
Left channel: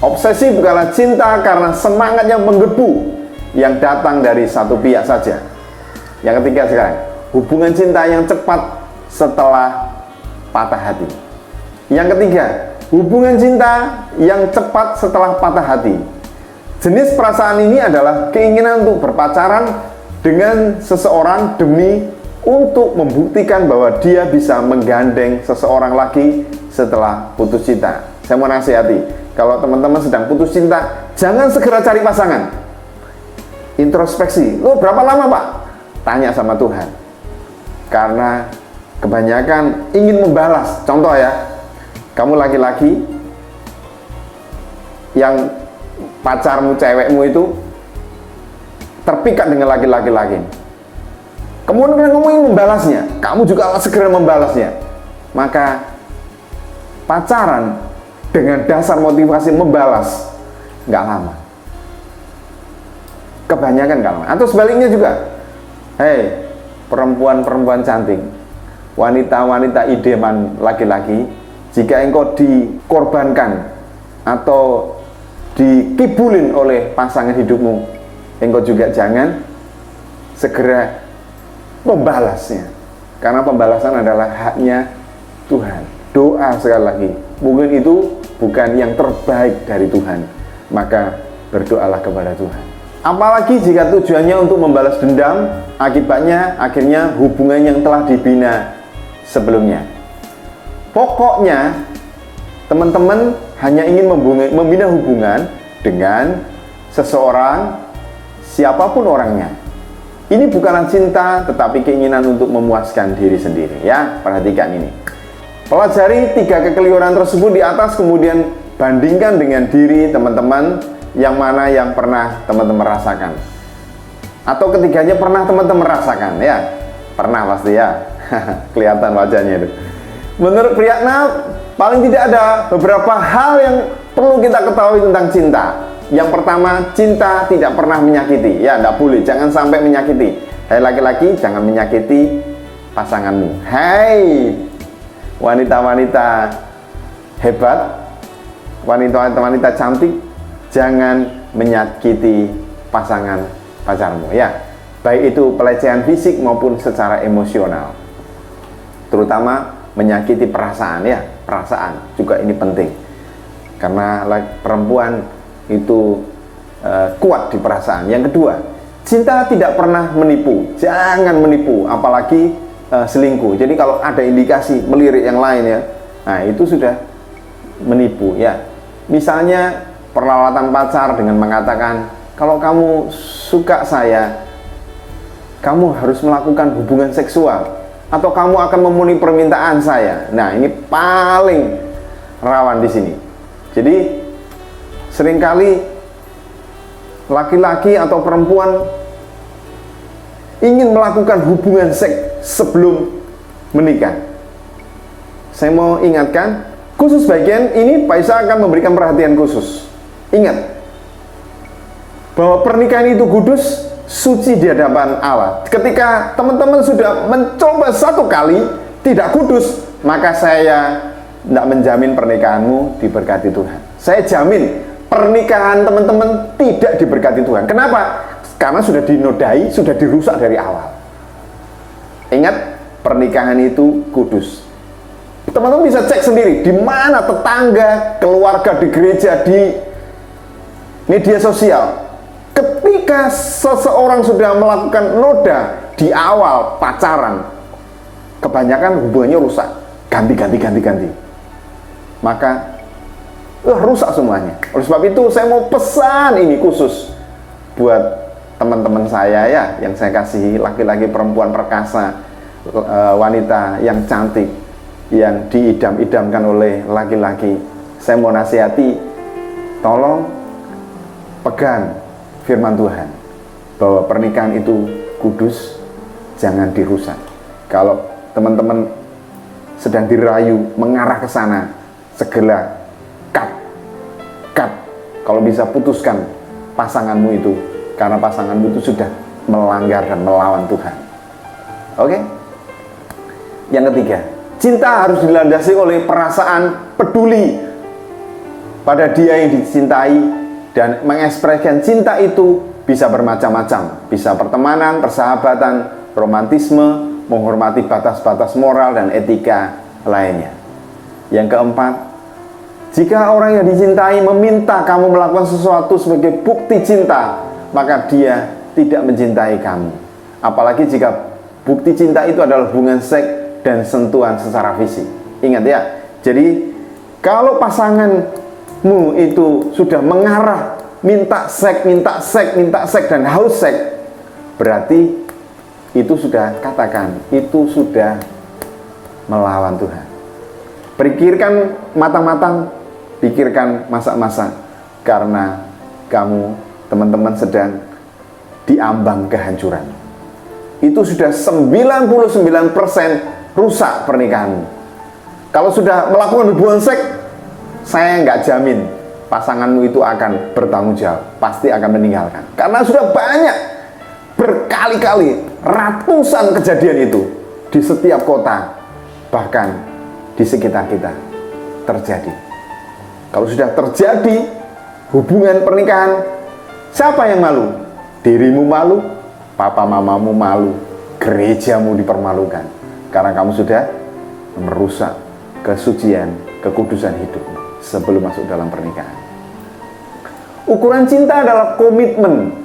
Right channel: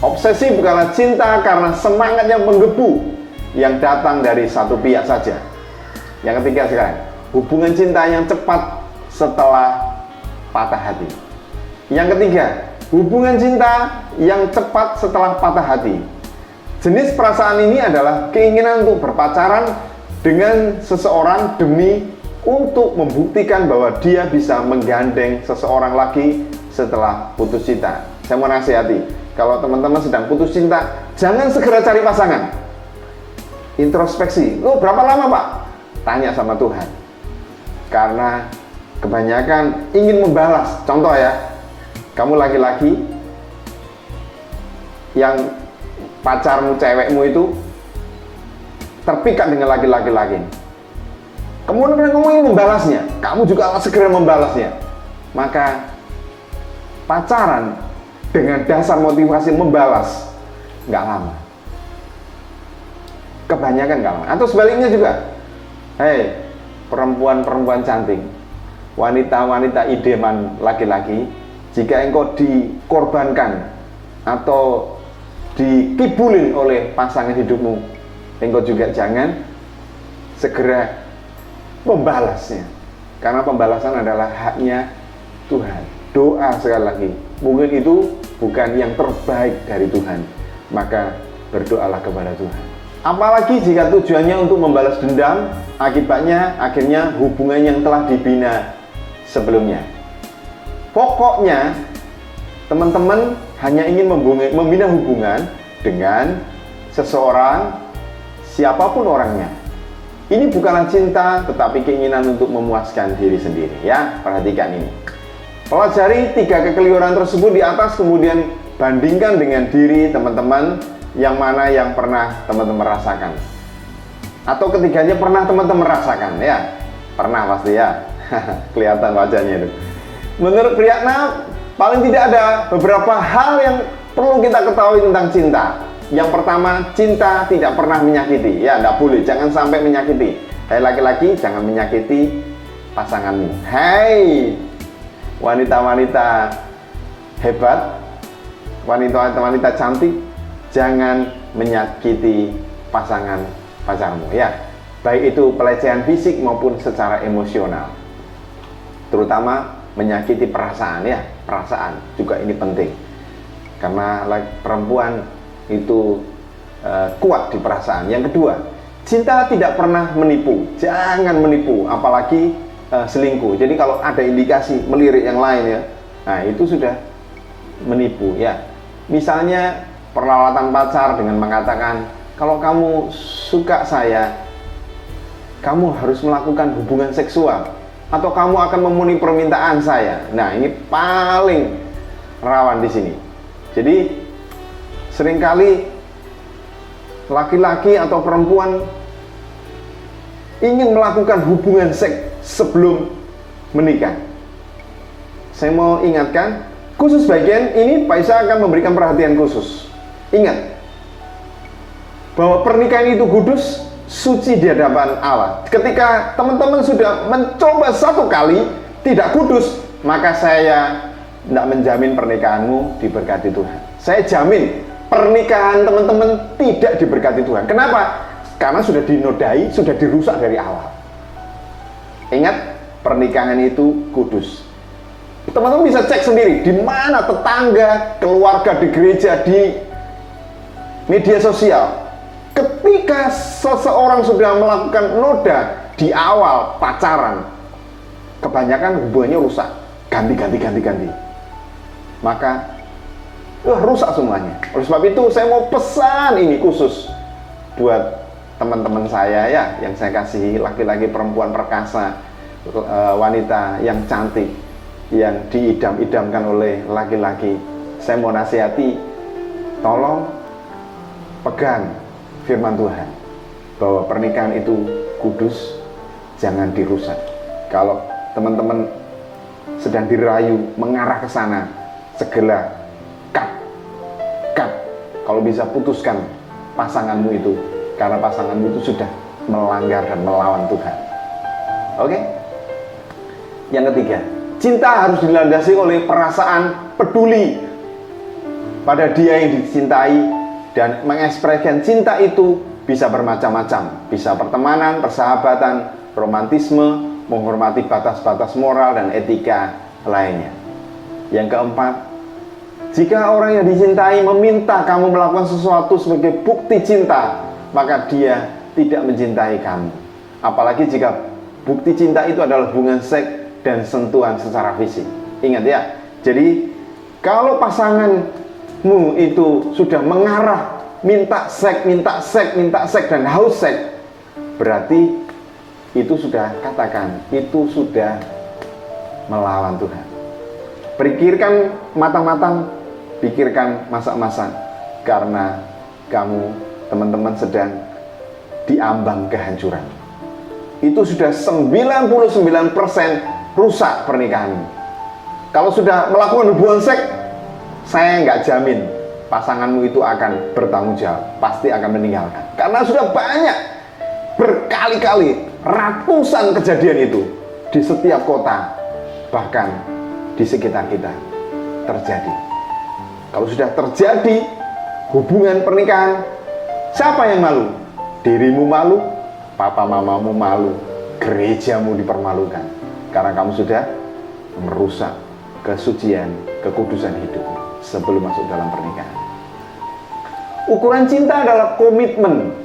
Obsesi bukanlah cinta karena semangat yang menggebu yang datang dari satu pihak saja. Yang ketiga sekarang, hubungan cinta yang cepat setelah patah hati. Yang ketiga, hubungan cinta yang cepat setelah patah hati. Jenis perasaan ini adalah keinginan untuk berpacaran dengan seseorang demi untuk membuktikan bahwa dia bisa menggandeng seseorang lagi setelah putus cinta. Saya mau nasihati, kalau teman-teman sedang putus cinta, jangan segera cari pasangan. Introspeksi, oh berapa lama Pak? Tanya sama Tuhan. Karena kebanyakan ingin membalas. Contoh ya, kamu laki-laki yang pacarmu, cewekmu itu terpikat dengan laki-laki lain. Kemudian kamu ingin membalasnya, kamu juga segera membalasnya. Maka pacaran dengan dasar motivasi membalas nggak lama. Kebanyakan nggak lama. Atau sebaliknya juga, hei perempuan-perempuan cantik, wanita-wanita idaman laki-laki, jika engkau dikorbankan atau dikibulin oleh pasangan hidupmu, engkau juga jangan segera membalasnya, karena pembalasan adalah haknya Tuhan. Doa sekali lagi, mungkin itu bukan yang terbaik dari Tuhan, maka berdoalah kepada Tuhan. Apalagi jika tujuannya untuk membalas dendam, akibatnya akhirnya hubungan yang telah dibina sebelumnya. Pokoknya teman-teman hanya ingin membina hubungan dengan seseorang, siapapun orangnya. Ini bukanlah cinta, tetapi keinginan untuk memuaskan diri sendiri, ya. Perhatikan ini. Pelajari 3 kekeliruan tersebut di atas, kemudian bandingkan dengan diri teman-teman yang mana yang pernah teman-teman rasakan. Atau ketiganya pernah teman-teman rasakan, ya. Pernah pasti ya. Kelihatan wajahnya itu. Menurut Priyatna, paling tidak ada beberapa hal yang perlu kita ketahui tentang cinta. Yang pertama, cinta tidak pernah menyakiti. Ya, tidak boleh, jangan sampai menyakiti. Hai laki-laki, jangan menyakiti pasanganmu. Hai wanita-wanita hebat, wanita-wanita cantik, jangan menyakiti pasangan pacarmu. Ya, baik itu pelecehan fisik maupun secara emosional. Terutama menyakiti perasaan, ya, perasaan juga ini penting. Karena perempuan itu kuat di perasaan. Yang kedua, cinta tidak pernah menipu. Jangan menipu, apalagi selingkuh. Jadi kalau ada indikasi melirik yang lain, ya, nah itu sudah menipu, ya. Misalnya peralatan pacar dengan mengatakan, kalau kamu suka saya, kamu harus melakukan hubungan seksual, atau kamu akan memenuhi permintaan saya. Nah, ini paling rawan di sini. Jadi seringkali laki-laki atau perempuan ingin melakukan hubungan seks sebelum menikah. Saya mau ingatkan, khusus bagian ini Paisa akan memberikan perhatian khusus. Ingat bahwa pernikahan itu kudus, suci di hadapan Allah. Ketika teman-teman sudah mencoba satu kali tidak kudus, maka saya tidak menjamin pernikahanmu diberkati Tuhan. Saya jamin pernikahan teman-teman tidak diberkati Tuhan. Kenapa? Karena sudah dinodai, sudah dirusak dari awal. Ingat, pernikahan itu kudus. Teman-teman bisa cek sendiri di mana tetangga, keluarga, di gereja, di media sosial. Ketika seseorang sudah melakukan noda di awal pacaran, kebanyakan hubungannya rusak, ganti. Maka rusak semuanya. Oleh sebab itu saya mau pesan ini khusus buat teman-teman saya, ya, yang saya kasihi, laki-laki, perempuan perkasa, wanita yang cantik, yang diidam-idamkan oleh laki-laki. Saya mau nasihati, tolong pegang firman Tuhan bahwa pernikahan itu kudus, jangan dirusak. Kalau teman-teman sedang dirayu mengarah ke sana, segera cut. Kalau bisa putuskan pasanganmu itu, karena pasanganmu itu sudah melanggar dan melawan Tuhan. Oke? Yang ketiga, cinta harus dilandasi oleh perasaan peduli pada dia yang dicintai, dan mengekspresikan cinta itu bisa bermacam-macam. Bisa pertemanan, persahabatan, romantisme, menghormati batas-batas moral dan etika lainnya. Yang keempat, jika orang yang dicintai meminta kamu melakukan sesuatu sebagai bukti cinta, maka dia tidak mencintai kamu. Apalagi jika bukti cinta itu adalah hubungan seks dan sentuhan secara fisik. Ingat, ya, jadi kalau pasanganmu itu sudah mengarah minta seks dan haus seks, berarti itu sudah, katakan, itu sudah melawan Tuhan. Pikirkan matang-matang, pikirkan masak-masak, karena kamu, teman-teman, sedang diambang kehancuran. Itu sudah 99% rusak pernikahanmu. Kalau sudah melakukan hubungan seks, saya nggak jamin pasanganmu itu akan bertanggung jawab, pasti akan meninggalkan. Karena sudah banyak, berkali-kali, ratusan kejadian itu di setiap kota, bahkan di sekitar kita terjadi. Kalau sudah terjadi hubungan pernikahan, siapa yang malu? Dirimu malu, papa mamamu malu, gerejamu dipermalukan, karena kamu sudah merusak kesucian, kekudusan hidupmu sebelum masuk dalam pernikahan. Ukuran cinta adalah komitmen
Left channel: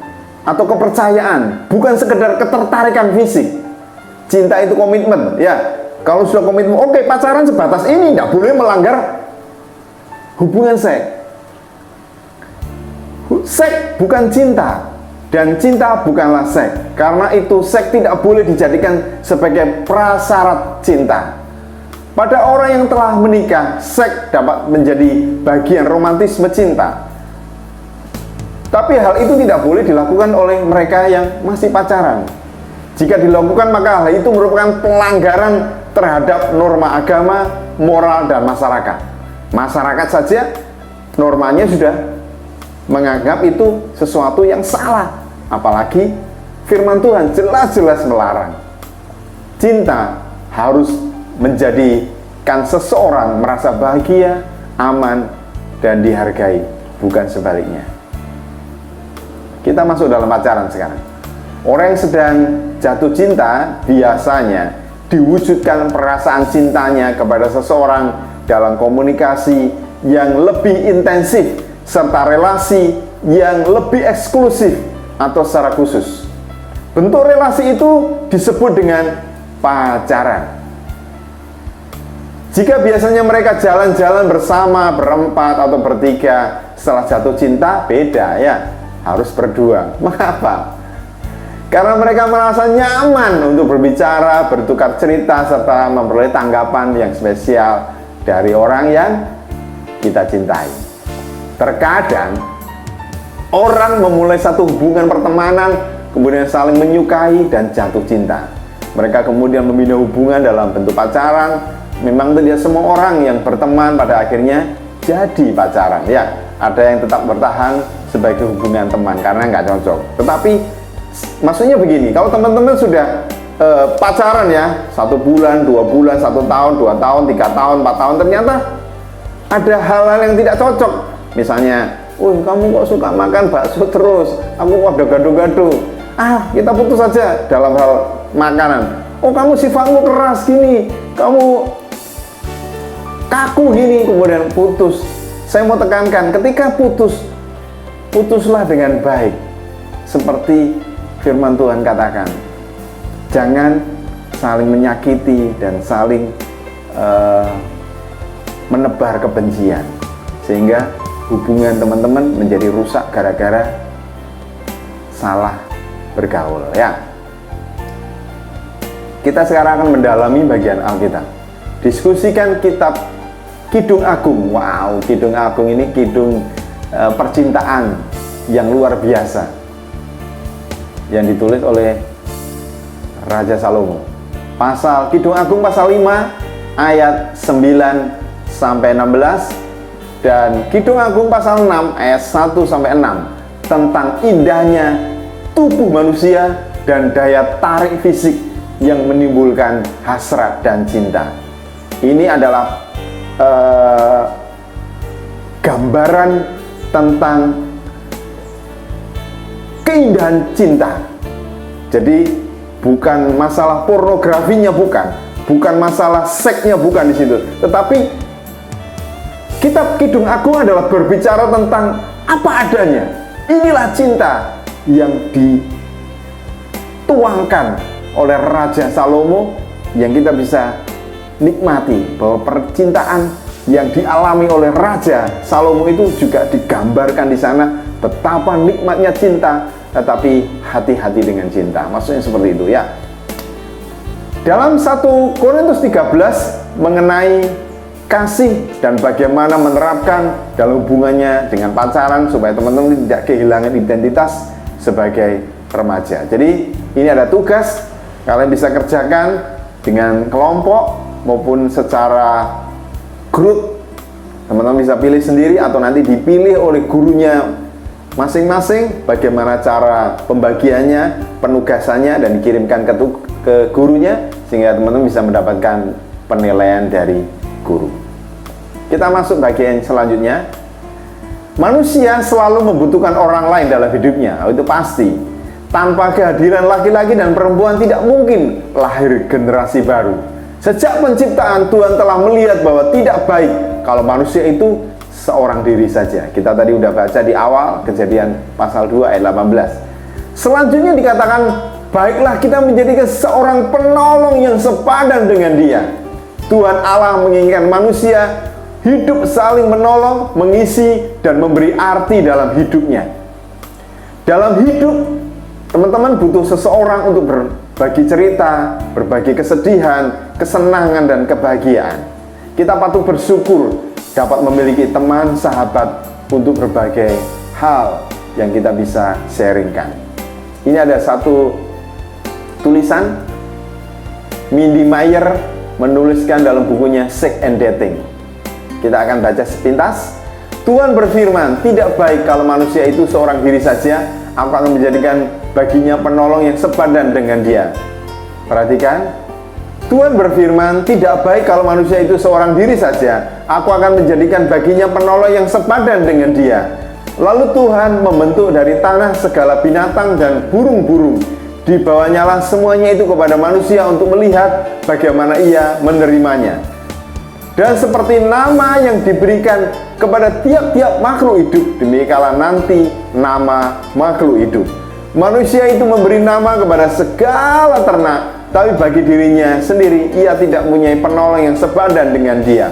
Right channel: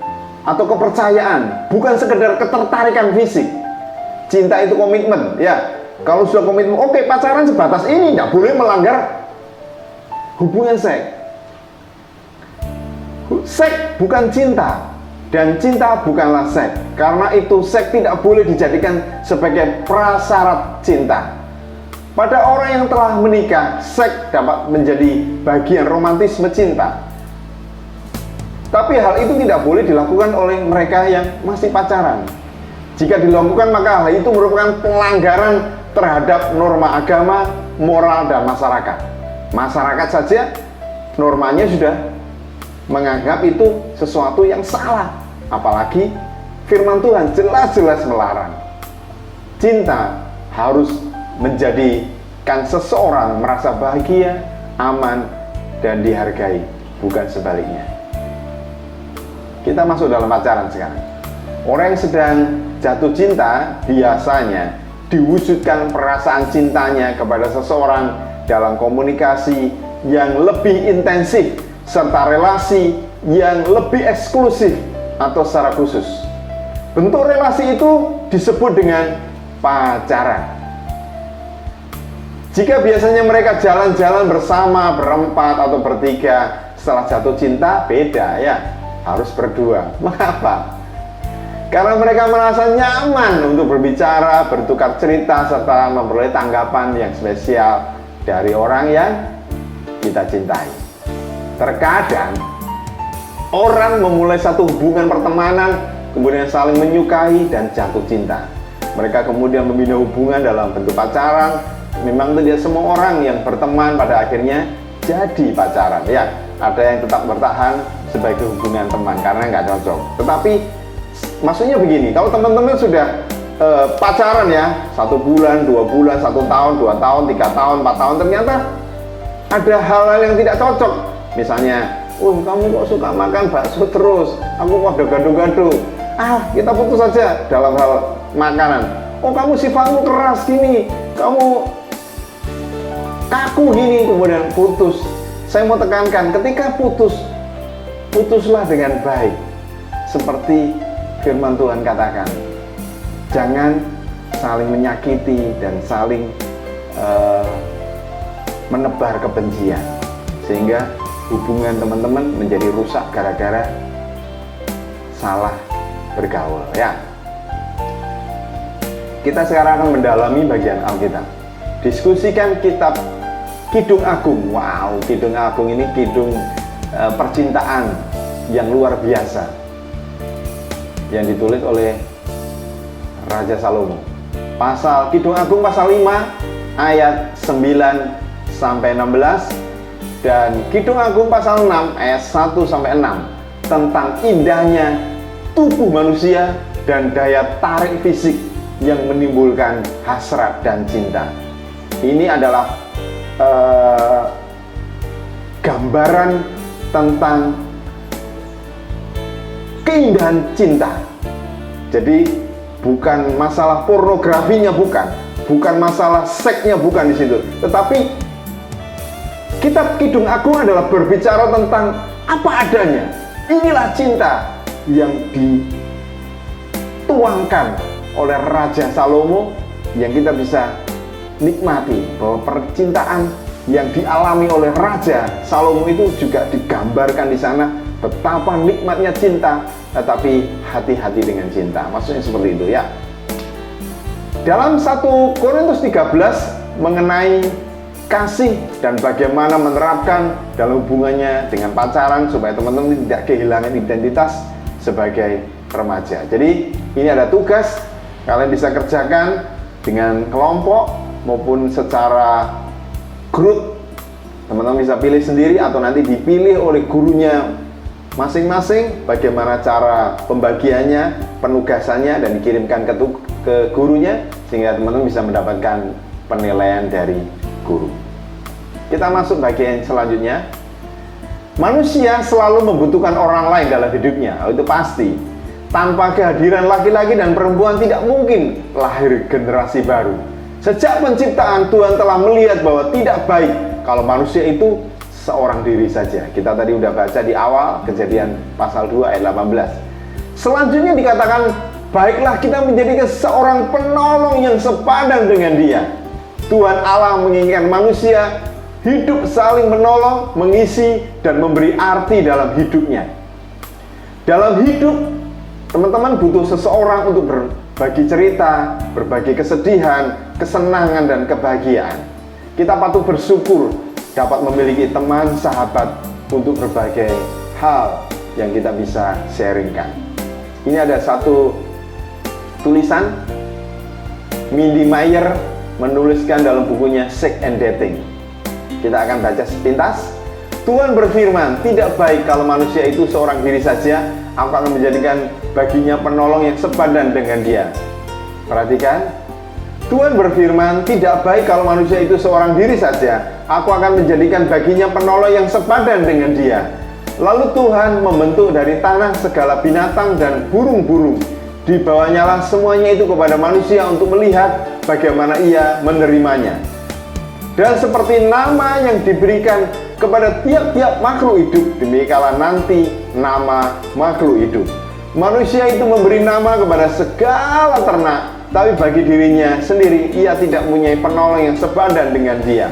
atau kepercayaan, bukan sekedar ketertarikan fisik. Cinta itu komitmen, ya. Kalau sudah komitmen, oke, pacaran sebatas ini, tidak boleh melanggar hubungan seks. Seks bukan cinta, dan cinta bukanlah seks. Karena itu seks tidak boleh dijadikan sebagai prasyarat cinta. Pada orang yang telah menikah, seks dapat menjadi bagian romantisme cinta. Tapi hal itu tidak boleh dilakukan oleh mereka yang masih pacaran. Jika dilakukan maka hal itu merupakan pelanggaran terhadap norma agama, moral, dan masyarakat. Masyarakat saja normanya sudah menganggap itu sesuatu yang salah, apalagi firman Tuhan jelas-jelas melarang. Cinta harus menjadikan seseorang merasa bahagia, aman, dan dihargai, bukan sebaliknya. Kita masuk dalam pacaran sekarang. Orang yang sedang jatuh cinta biasanya diwujudkan perasaan cintanya kepada seseorang dalam komunikasi yang lebih intensif serta relasi yang lebih eksklusif atau secara khusus. Bentuk relasi itu disebut dengan pacaran. Jika biasanya mereka jalan-jalan bersama, berempat atau bertiga, setelah jatuh cinta beda ya, harus berdua. Mengapa? Karena mereka merasa nyaman untuk berbicara, bertukar cerita, serta memperoleh tanggapan yang spesial dari orang yang kita cintai. Terkadang orang memulai satu hubungan pertemanan, kemudian saling menyukai dan jatuh cinta. Mereka kemudian membina hubungan dalam bentuk pacaran. Memang tidak semua orang yang berteman pada akhirnya jadi pacaran. Ya, ada yang tetap bertahan sebagai hubungan teman karena nggak cocok. Tetapi maksudnya begini, kalau teman-teman sudah pacaran ya, 1 bulan, 2 bulan, 1 tahun, 2 tahun, 3 tahun, 4 tahun, ternyata ada hal-hal yang tidak cocok. Misalnya, kamu kok suka makan bakso terus, aku kok gaduh-gaduh. Kita putus saja dalam hal makanan. Kamu sifatmu keras gini, kamu kaku gini, kemudian putus. Saya mau tekankan, ketika putuslah dengan baik. Seperti firman Tuhan katakan, jangan saling menyakiti dan saling menebar kebencian, sehingga hubungan teman-teman menjadi rusak gara-gara salah bergaul ya. Kita sekarang akan mendalami bagian Alkitab. Diskusikan kitab Kidung Agung. Wow, Kidung Agung ini kidung percintaan yang luar biasa yang ditulis oleh Raja Salomo. Kidung Agung pasal 5 ayat 9 sampai 16 dan Kidung Agung pasal 6 ayat 1 sampai 6 tentang indahnya tubuh manusia dan daya tarik fisik yang menimbulkan hasrat dan cinta. Ini adalah gambaran tentang keindahan cinta. Jadi bukan masalah pornografinya, bukan masalah seksnya, bukan di situ. Tetapi kitab Kidung Agung adalah berbicara tentang apa adanya. Inilah cinta yang dituangkan oleh Raja Salomo yang kita bisa nikmati, bahwa percintaan yang dialami oleh Raja Salomo itu juga digambarkan di sana. Betapa nikmatnya cinta, tetapi hati-hati dengan cinta. Maksudnya seperti itu ya. Dalam 1 Korintus 13 mengenai kasih dan bagaimana menerapkan dalam hubungannya dengan pacaran supaya teman-teman tidak kehilangan identitas sebagai remaja. Jadi ini ada tugas kalian bisa kerjakan dengan kelompok maupun secara grup. Teman-teman bisa pilih sendiri atau nanti dipilih oleh gurunya masing-masing bagaimana cara pembagiannya, penugasannya, dan dikirimkan ke gurunya sehingga teman-teman bisa mendapatkan penilaian dari guru. Kita masuk bagian selanjutnya. Manusia selalu membutuhkan orang lain dalam hidupnya, itu pasti. Tanpa kehadiran laki-laki dan perempuan tidak mungkin lahir generasi baru. Sejak penciptaan, Tuhan telah melihat bahwa tidak baik kalau manusia itu seorang diri saja. Kita tadi udah baca di awal Kejadian pasal 2 ayat 18. Selanjutnya dikatakan, baiklah kita menjadikan seorang penolong yang sepadan dengan dia. Tuhan Allah menginginkan manusia hidup saling menolong, mengisi, dan memberi arti dalam hidupnya. Dalam hidup, teman-teman butuh seseorang untuk berbagi cerita, berbagi kesedihan, kesenangan, dan kebahagiaan. Kita patut bersyukur dapat memiliki teman, sahabat untuk berbagai hal yang kita bisa sharingkan. Ini ada satu tulisan Mindy Meyer menuliskan dalam bukunya Sex and Dating. Kita akan baca sepintas. Tuhan berfirman, tidak baik kalau manusia itu seorang diri saja. Aku akan menjadikan baginya penolong yang sepadan dengan dia. Perhatikan, Tuhan berfirman, tidak baik kalau manusia itu seorang diri saja. Aku akan menjadikan baginya penolong yang sepadan dengan dia. Lalu Tuhan membentuk dari tanah segala binatang dan burung-burung. Dibawanyalah semuanya itu kepada manusia untuk melihat bagaimana ia menerimanya. Dan seperti nama yang diberikan kepada tiap-tiap makhluk hidup, demikianlah nanti nama makhluk hidup. Manusia itu memberi nama kepada segala ternak, tapi bagi dirinya sendiri ia tidak mempunyai penolong yang sepadan dengan dia.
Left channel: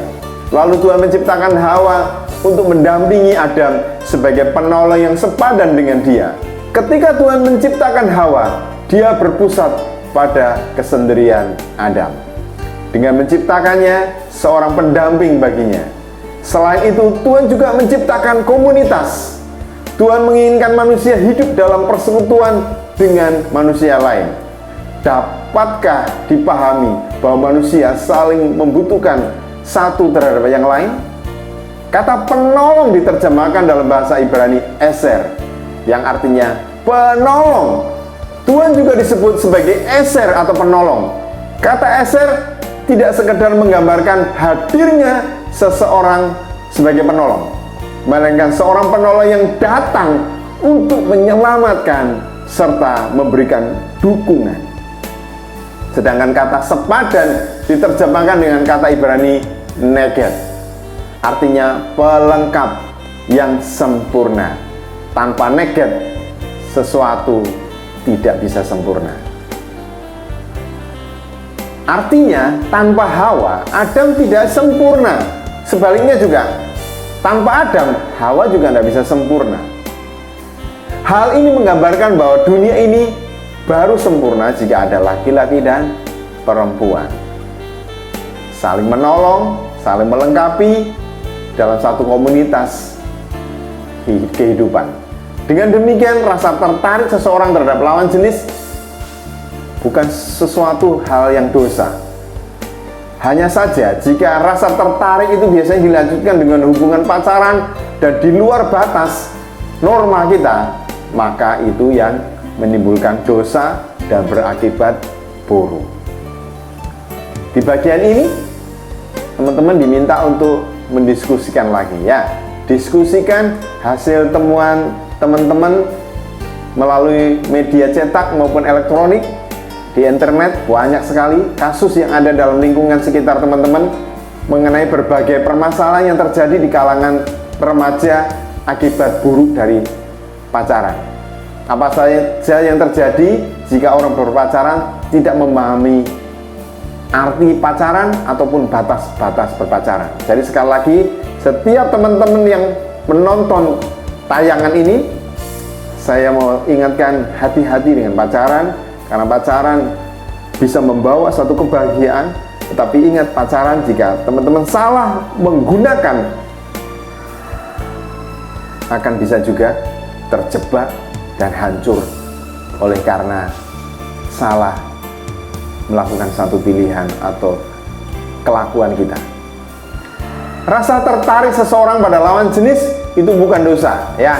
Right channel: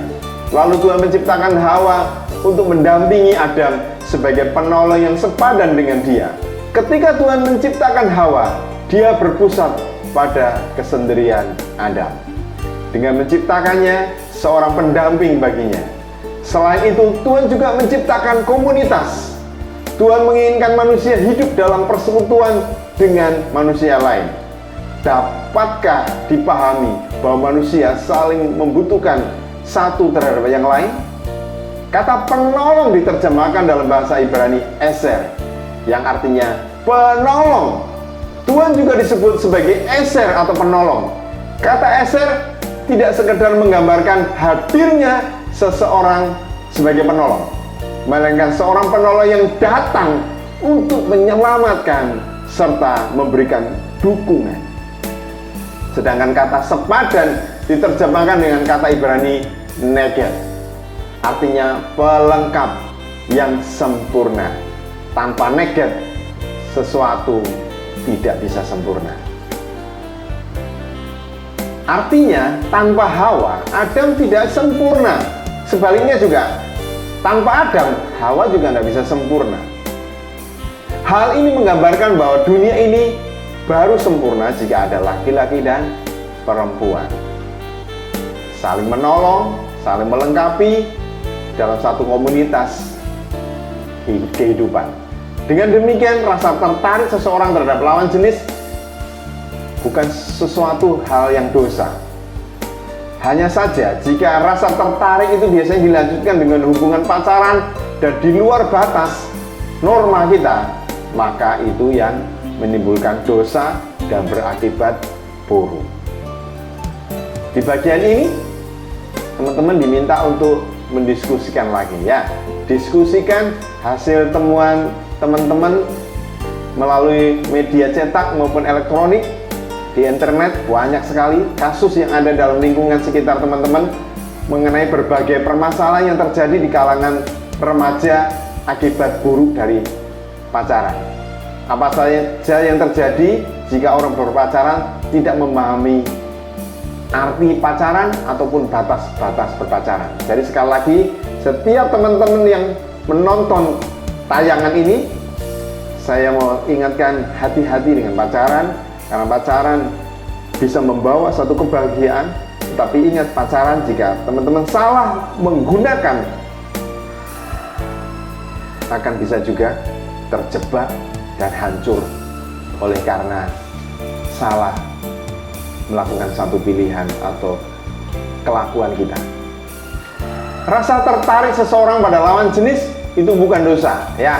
Lalu Tuhan menciptakan Hawa untuk mendampingi Adam sebagai penolong yang sepadan dengan dia. Ketika Tuhan menciptakan Hawa, dia berpusat pada kesendirian Adam. Dengan menciptakannya seorang pendamping baginya. Selain itu, Tuhan juga menciptakan komunitas. Tuhan menginginkan manusia hidup dalam persekutuan dengan manusia lain. Dapatkah dipahami bahwa manusia saling membutuhkan satu terhadap yang lain? Kata penolong diterjemahkan dalam bahasa Ibrani Eser, yang artinya penolong. Tuhan juga disebut sebagai Eser atau penolong. Kata Eser tidak sekedar menggambarkan hadirnya seseorang sebagai penolong, melainkan seorang penolong yang datang untuk menyelamatkan serta memberikan dukungan. Sedangkan kata sepadan diterjemahkan dengan kata Ibrani neged, artinya pelengkap yang sempurna. Tanpa neged, sesuatu tidak bisa sempurna. Artinya, tanpa Hawa, Adam tidak sempurna. Sebaliknya juga, tanpa Adam, Hawa juga tidak bisa sempurna. Hal ini menggambarkan bahwa dunia ini baru sempurna jika ada laki-laki dan perempuan. Saling menolong, saling melengkapi dalam satu komunitas kehidupan. Dengan demikian, rasa tertarik seseorang terhadap lawan jenis bukan sesuatu hal yang dosa. Hanya saja jika rasa tertarik itu biasanya dilanjutkan dengan hubungan pacaran dan di luar batas norma kita, maka itu yang menimbulkan dosa dan berakibat buruk. Di bagian ini, teman-teman diminta untuk mendiskusikan lagi ya. Diskusikan hasil temuan teman-teman melalui media cetak maupun elektronik. Di internet banyak sekali kasus yang ada dalam lingkungan sekitar teman-teman mengenai berbagai permasalahan yang terjadi di kalangan remaja akibat buruk dari pacaran. Apa saja yang terjadi jika orang berpacaran tidak memahami arti pacaran ataupun batas-batas berpacaran. Jadi sekali lagi, setiap teman-teman yang menonton tayangan ini, saya mau ingatkan hati-hati dengan pacaran. Karena pacaran bisa membawa satu kebahagiaan, tetapi ingat, pacaran jika teman-teman salah menggunakan akan bisa juga terjebak dan hancur oleh karena salah melakukan satu pilihan atau kelakuan kita. Rasa tertarik seseorang pada lawan jenis itu bukan dosa ya.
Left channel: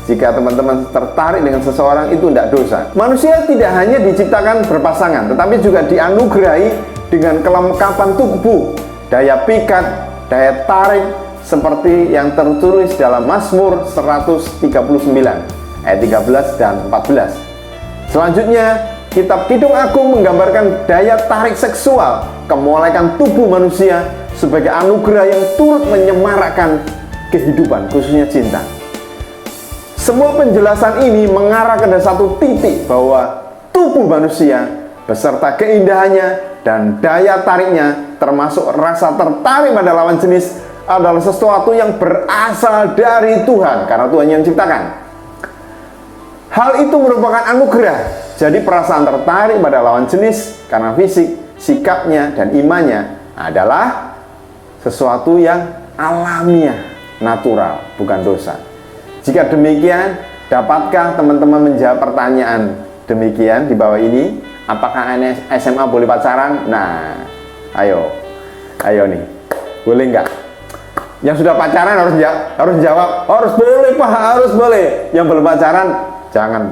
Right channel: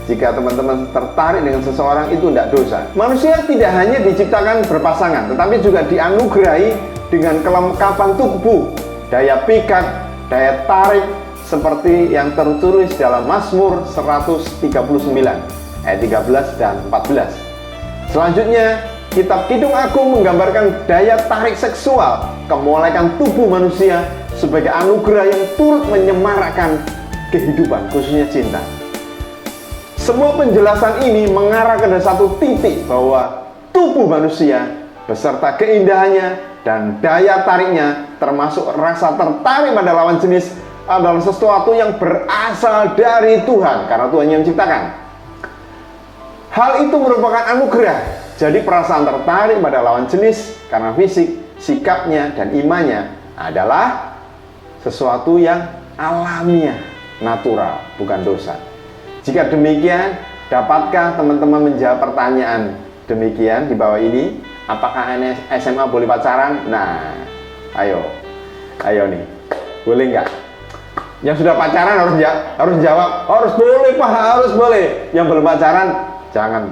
Jika teman-teman tertarik dengan seseorang itu tidak dosa. Manusia tidak hanya diciptakan berpasangan, tetapi juga dianugerahi dengan kelengkapan tubuh, daya pikat, daya tarik, seperti yang tertulis dalam Mazmur 139 ayat 13 dan 14. Selanjutnya, kitab Kidung Agung menggambarkan daya tarik seksual, kemolekan tubuh manusia sebagai anugerah yang turut menyemarakkan kehidupan, khususnya cinta. Semua penjelasan ini mengarah ke satu titik bahwa tubuh manusia beserta keindahannya dan daya tariknya, termasuk rasa tertarik pada lawan jenis, adalah sesuatu yang berasal dari Tuhan, karena Tuhan yang menciptakan. Hal itu merupakan anugerah. Jadi perasaan tertarik pada lawan jenis karena fisik, sikapnya, dan imannya adalah sesuatu yang alamiah, natural, bukan dosa. Jika demikian, dapatkah teman-teman menjawab pertanyaan demikian di bawah ini? Apakah anak SMA boleh pacaran? Nah, ayo nih, boleh nggak? Yang sudah pacaran harus jawab, harus boleh Pak, harus boleh. Yang belum pacaran, jangan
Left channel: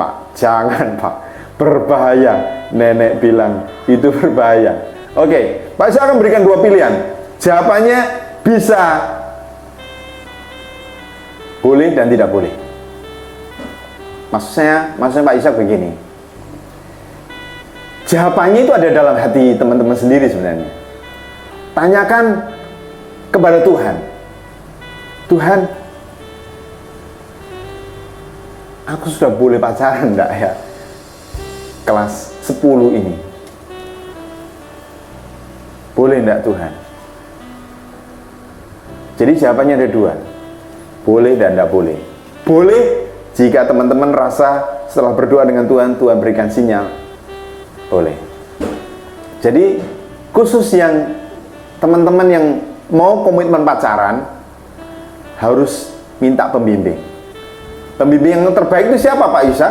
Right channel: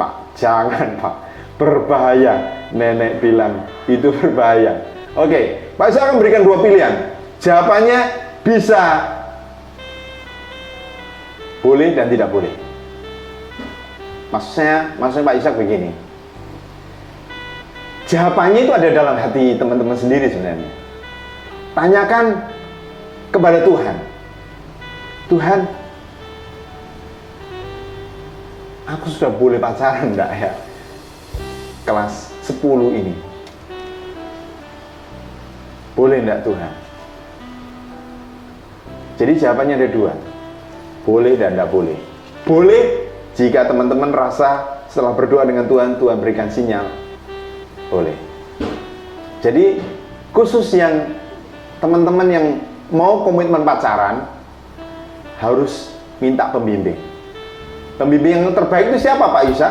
Pak, berbahaya. Nenek bilang itu berbahaya. Oke, Pak Isa akan berikan 2 pilihan. Jawabannya bisa boleh dan tidak boleh. Maksudnya Pak Isa begini. Jawabannya itu ada dalam hati teman-teman sendiri sebenarnya. Tanyakan kepada Tuhan. Tuhan, aku sudah boleh pacaran enggak ya? Kelas 10 ini. Boleh enggak Tuhan? Jadi jawabannya ada 2. Boleh dan enggak boleh. Boleh jika teman-teman rasa setelah berdoa dengan Tuhan, Tuhan berikan sinyal. Boleh. Jadi khusus yang teman-teman yang mau komitmen pacaran harus minta pembimbing. Pembimbing yang terbaik itu siapa Pak Isa?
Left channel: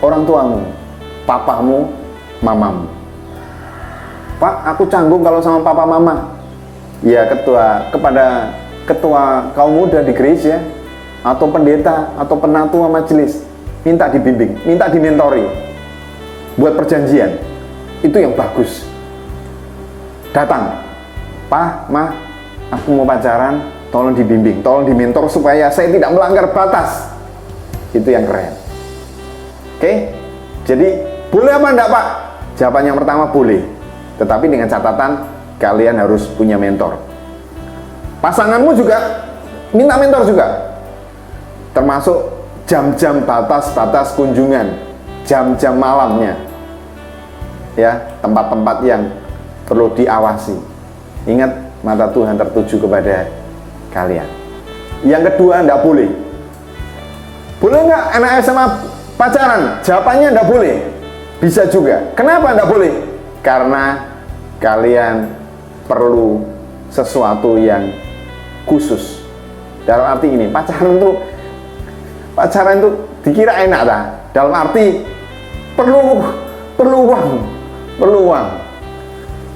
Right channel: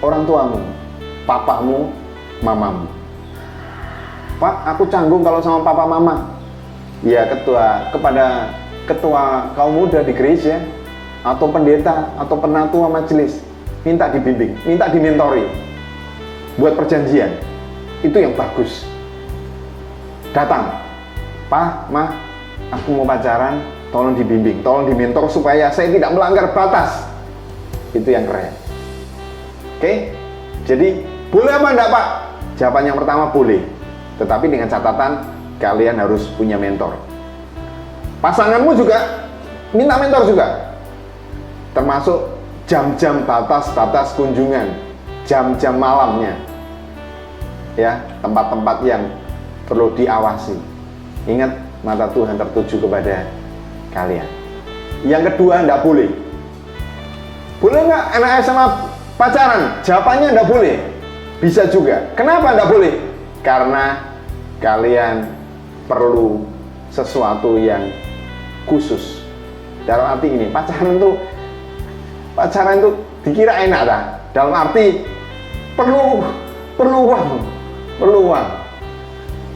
Orang tuamu, papamu, mamamu. Pak, aku canggung kalau sama papa mama. Ya kepada ketua kaum muda di gereja atau pendeta atau penatua majelis, minta dibimbing, minta dimentori, buat perjanjian. Itu yang bagus. Datang, Pak, Ma, aku mau pacaran, tolong dibimbing, tolong dimentor supaya saya tidak melanggar batas. Itu yang keren. Oke, jadi boleh apa enggak Pak? Jawaban yang pertama boleh, tetapi dengan catatan kalian harus punya mentor. Pasanganmu juga minta mentor juga, termasuk jam-jam batas kunjungan, jam-jam malamnya, ya, tempat-tempat yang perlu diawasi. Ingat, mata Tuhan tertuju kepada kalian. Yang kedua, enggak boleh. Boleh nggak anak SMA pacaran? Jawabannya enggak boleh. Bisa juga. Kenapa enggak boleh? Karena kalian perlu sesuatu yang khusus. Dalam arti ini, pacaran itu dikira enak dah. Dalam arti perlu uang.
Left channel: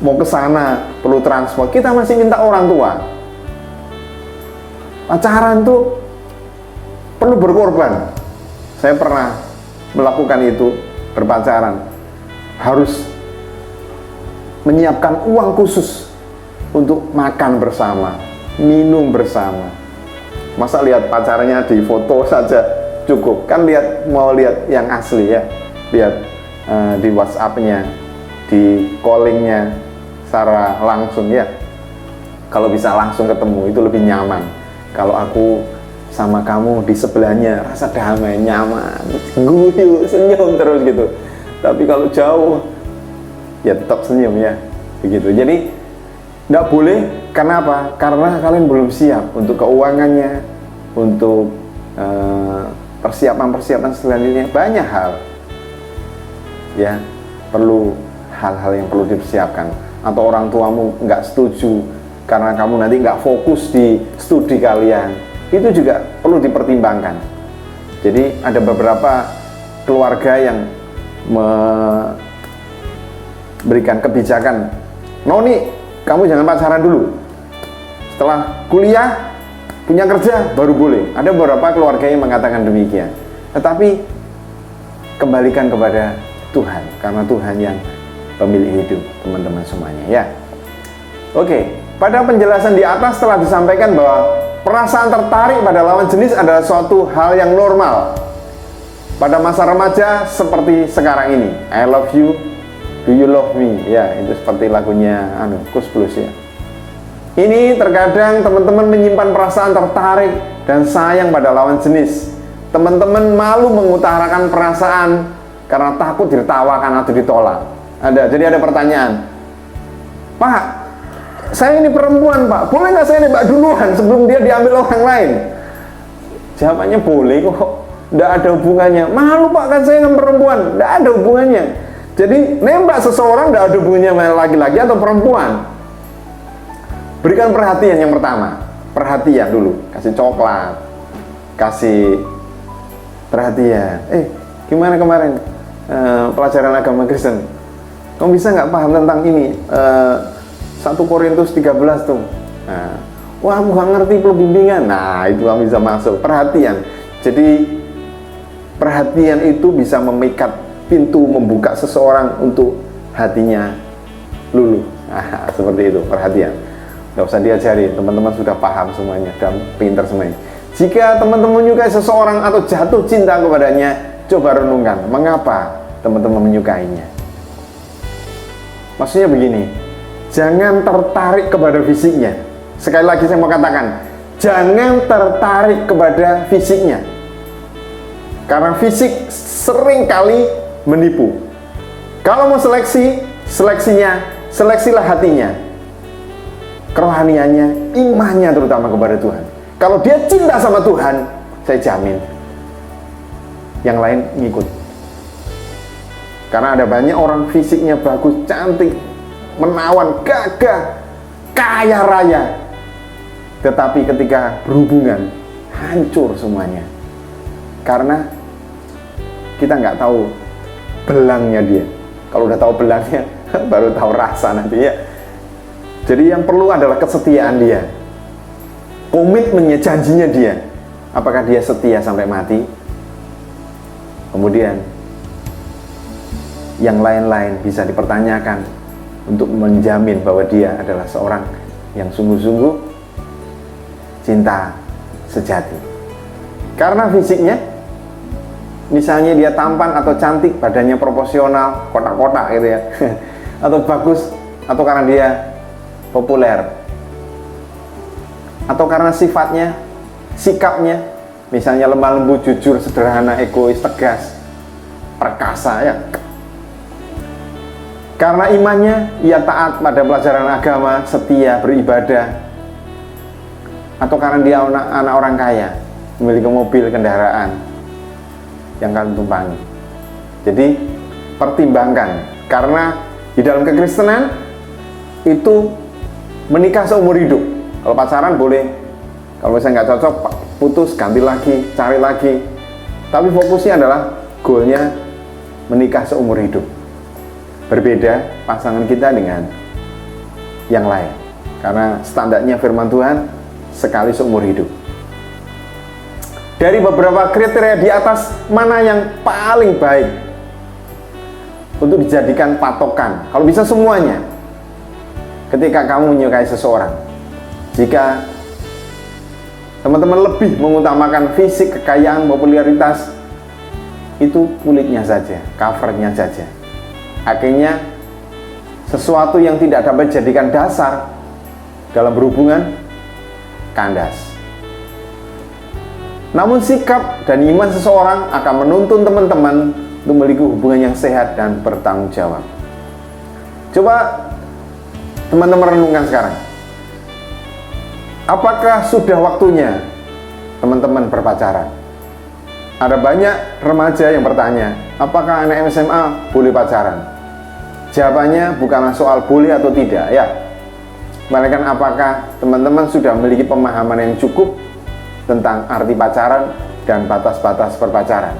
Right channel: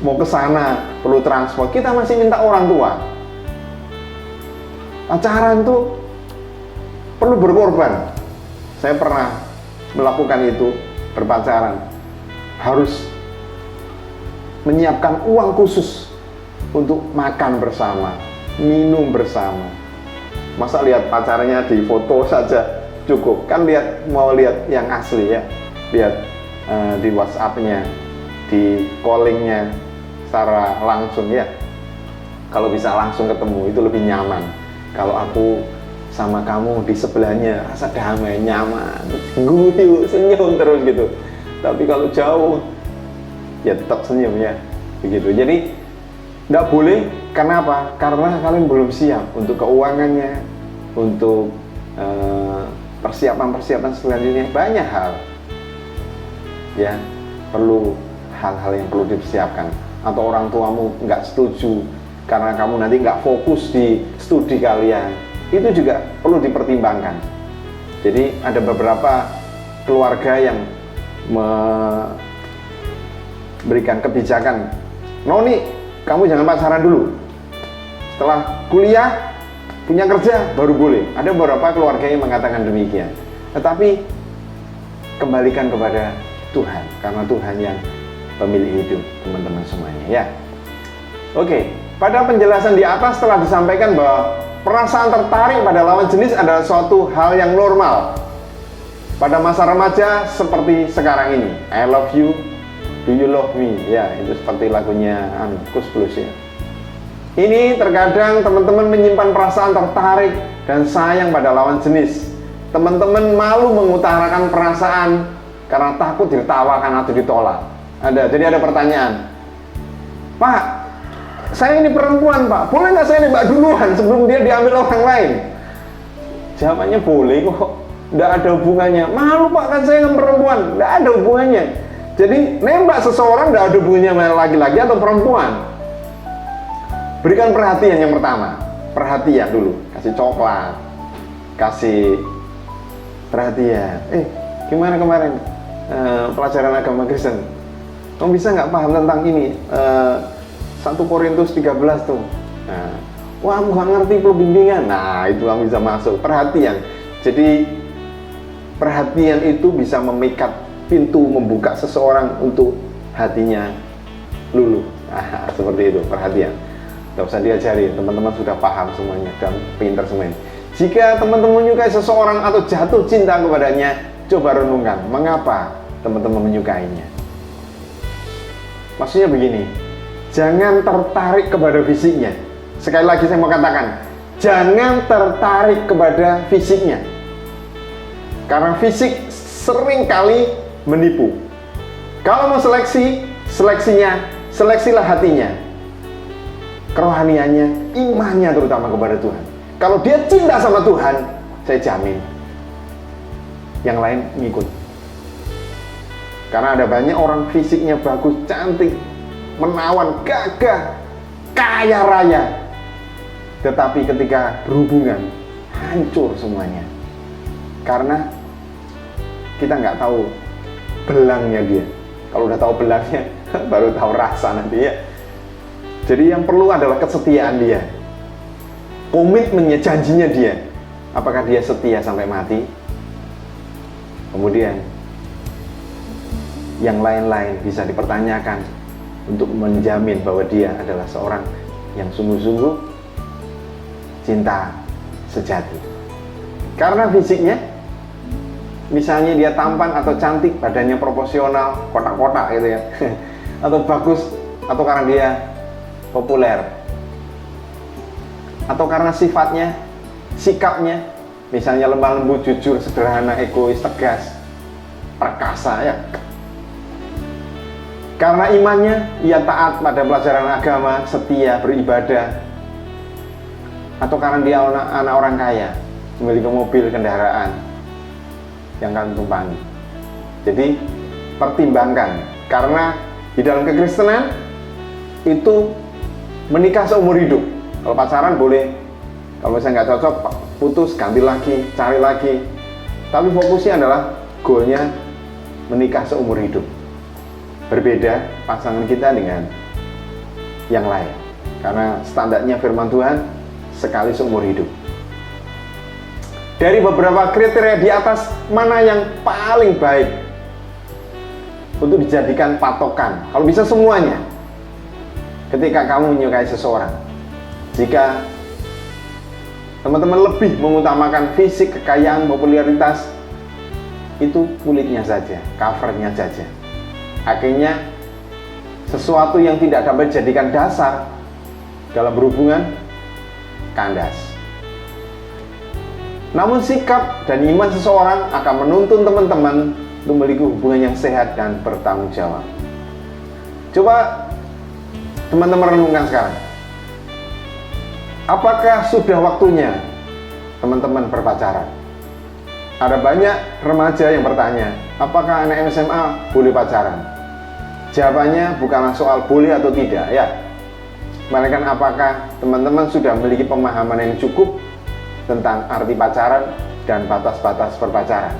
Mau ke sana perlu transport. Kita masih minta orang tua. Pacaran tuh perlu berkorban. Saya pernah melakukan itu, berpacaran. Harus menyiapkan uang khusus untuk makan bersama, minum bersama. Masa lihat pacarnya di foto saja cukup? Kan mau lihat yang asli ya. Lihat di WhatsApp-nya, di callingnya secara langsung ya. Kalau bisa langsung ketemu itu lebih nyaman. Kalau aku sama kamu di sebelahnya rasa damai, nyaman, guyu, senyum terus gitu. Tapi kalau jauh ya tetap senyum ya, begitu. Jadi tidak boleh. Kenapa? Karena kalian belum siap untuk keuangannya, untuk persiapan selanjutnya. Banyak hal ya, perlu hal-hal yang perlu dipersiapkan. Atau orang tuamu nggak setuju karena kamu nanti nggak fokus di studi kalian, itu juga perlu dipertimbangkan. Jadi ada beberapa keluarga yang memberikan kebijakan, Noni, kamu jangan pacaran dulu, setelah kuliah punya kerja baru boleh. Ada beberapa keluarga yang mengatakan demikian. Tetapi kembalikan kepada Tuhan, karena Tuhan yang pemilik hidup teman-teman semuanya ya. Oke, pada penjelasan di atas telah disampaikan bahwa perasaan tertarik pada lawan jenis adalah suatu hal yang normal pada masa remaja seperti sekarang ini. I love you, do you love me? Ya, itu seperti lagunya Kus Plus ya. Ini terkadang teman-teman menyimpan perasaan tertarik dan sayang pada lawan jenis. Teman-teman malu mengutarakan perasaan karena takut ditertawakan atau ditolak. Jadi ada pertanyaan, Pak, saya ini perempuan Pak, boleh nggak saya nembak duluan sebelum dia diambil orang lain? Jawabannya boleh kok, nggak ada hubungannya. Malu Pak, kan saya yang perempuan, nggak ada hubungannya. Jadi nembak seseorang nggak ada hubungannya sama laki-laki atau perempuan. Berikan perhatian yang pertama, perhatian dulu, kasih coklat, kasih perhatian. gimana kemarin pelajaran agama Kristen? Kamu bisa nggak paham tentang ini? 1 Korintus 13 tuh. Nah, wah, kamu nggak ngerti perlu bimbingan. Nah, itu kamu bisa masuk. Perhatian. Jadi perhatian itu bisa memikat pintu, membuka seseorang untuk hatinya luluh. Nah, seperti itu, perhatian. Nggak usah diajari, teman-teman sudah paham semuanya dan pintar semuanya. Jika teman-teman menyukai seseorang atau jatuh cinta kepadanya, coba renungkan, mengapa teman-teman menyukainya. Maksudnya begini, jangan tertarik kepada fisiknya. Sekali lagi saya mau katakan, jangan tertarik kepada fisiknya. Karena fisik seringkali menipu. Kalau mau seleksi, seleksilah hatinya, kerohaniannya, imannya terutama kepada Tuhan. Kalau dia cinta sama Tuhan, saya jamin yang lain ngikut. Karena ada banyak orang fisiknya bagus, cantik, menawan, gagah, kaya raya, tetapi ketika berhubungan hancur semuanya. Karena kita nggak tahu belangnya dia. Kalau udah tahu belangnya, baru tahu rasa nanti ya. Jadi yang perlu adalah kesetiaan dia, komitmennya, janjinya dia. Apakah dia setia sampai mati? Kemudian yang lain-lain bisa dipertanyakan untuk menjamin bahwa dia adalah seorang yang sungguh-sungguh cinta sejati. Karena fisiknya, misalnya dia tampan atau cantik, badannya proporsional, kotak-kotak gitu ya, atau bagus, atau karena dia populer, atau karena sifatnya, sikapnya, misalnya lemah lembut, jujur, sederhana, egois, tegas, perkasa ya. Karena imannya, ia taat pada pelajaran agama, setia, beribadah, atau karena dia anak orang kaya, memiliki mobil, kendaraan yang kamu tumpangi. Jadi pertimbangkan, karena di dalam kekristenan itu menikah seumur hidup. Kalau pacaran boleh, kalau misalnya nggak cocok, putus, ganti lagi, cari lagi. Tapi fokusnya adalah goalnya menikah seumur hidup. Berbeda pasangan kita dengan yang lain, karena standarnya firman Tuhan sekali seumur hidup. Dari beberapa kriteria di atas, mana yang paling baik untuk dijadikan patokan? Kalau bisa semuanya. Ketika kamu menyukai seseorang, jika teman-teman lebih mengutamakan fisik, kekayaan, popularitas, itu kulitnya saja, covernya saja. Akhirnya sesuatu yang tidak dapat dijadikan dasar dalam berhubungan kandas. Namun sikap dan iman seseorang akan menuntun teman-teman untuk memiliki hubungan yang sehat dan bertanggung jawab. Coba teman-teman renungkan sekarang. Apakah sudah waktunya teman-teman berpacaran? Ada banyak remaja yang bertanya, apakah anak SMA boleh pacaran? Jawabannya bukanlah soal boleh atau tidak ya, melainkan apakah teman-teman sudah memiliki pemahaman yang cukup tentang arti pacaran dan batas-batas berpacaran.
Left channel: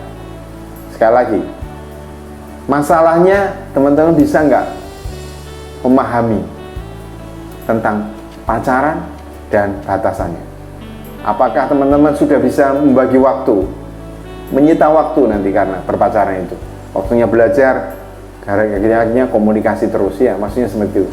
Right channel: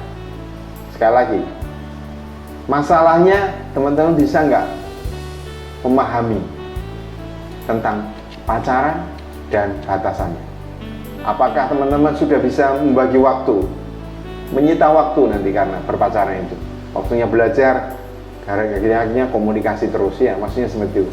Sekali lagi, masalahnya teman-teman bisa nggak memahami tentang pacaran dan batasannya? Apakah teman-teman sudah bisa membagi waktu, menyita waktu nanti karena berpacaran itu? Waktunya belajar, akhirnya komunikasi terus ya, maksudnya seperti itu.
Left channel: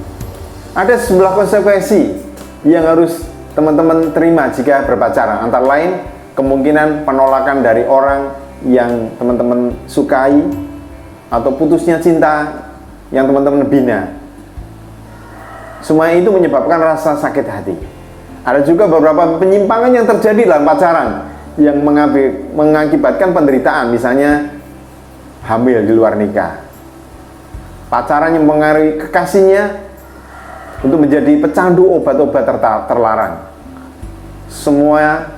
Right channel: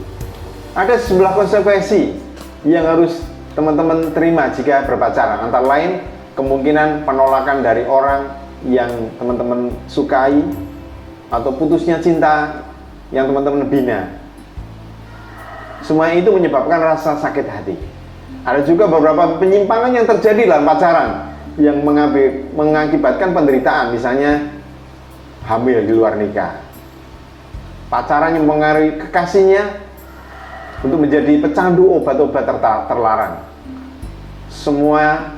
Ada sebelah konsekuensi yang harus teman-teman terima jika berpacaran, antara lain kemungkinan penolakan dari orang yang teman-teman sukai, atau putusnya cinta yang teman-teman bina. Semua itu menyebabkan rasa sakit hati. Ada juga beberapa penyimpangan yang terjadi dalam pacaran yang mengakibatkan penderitaan, misalnya hamil di luar nikah. Pacaran yang mengaruhi kekasihnya untuk menjadi pecandu obat-obat terlarang. Semua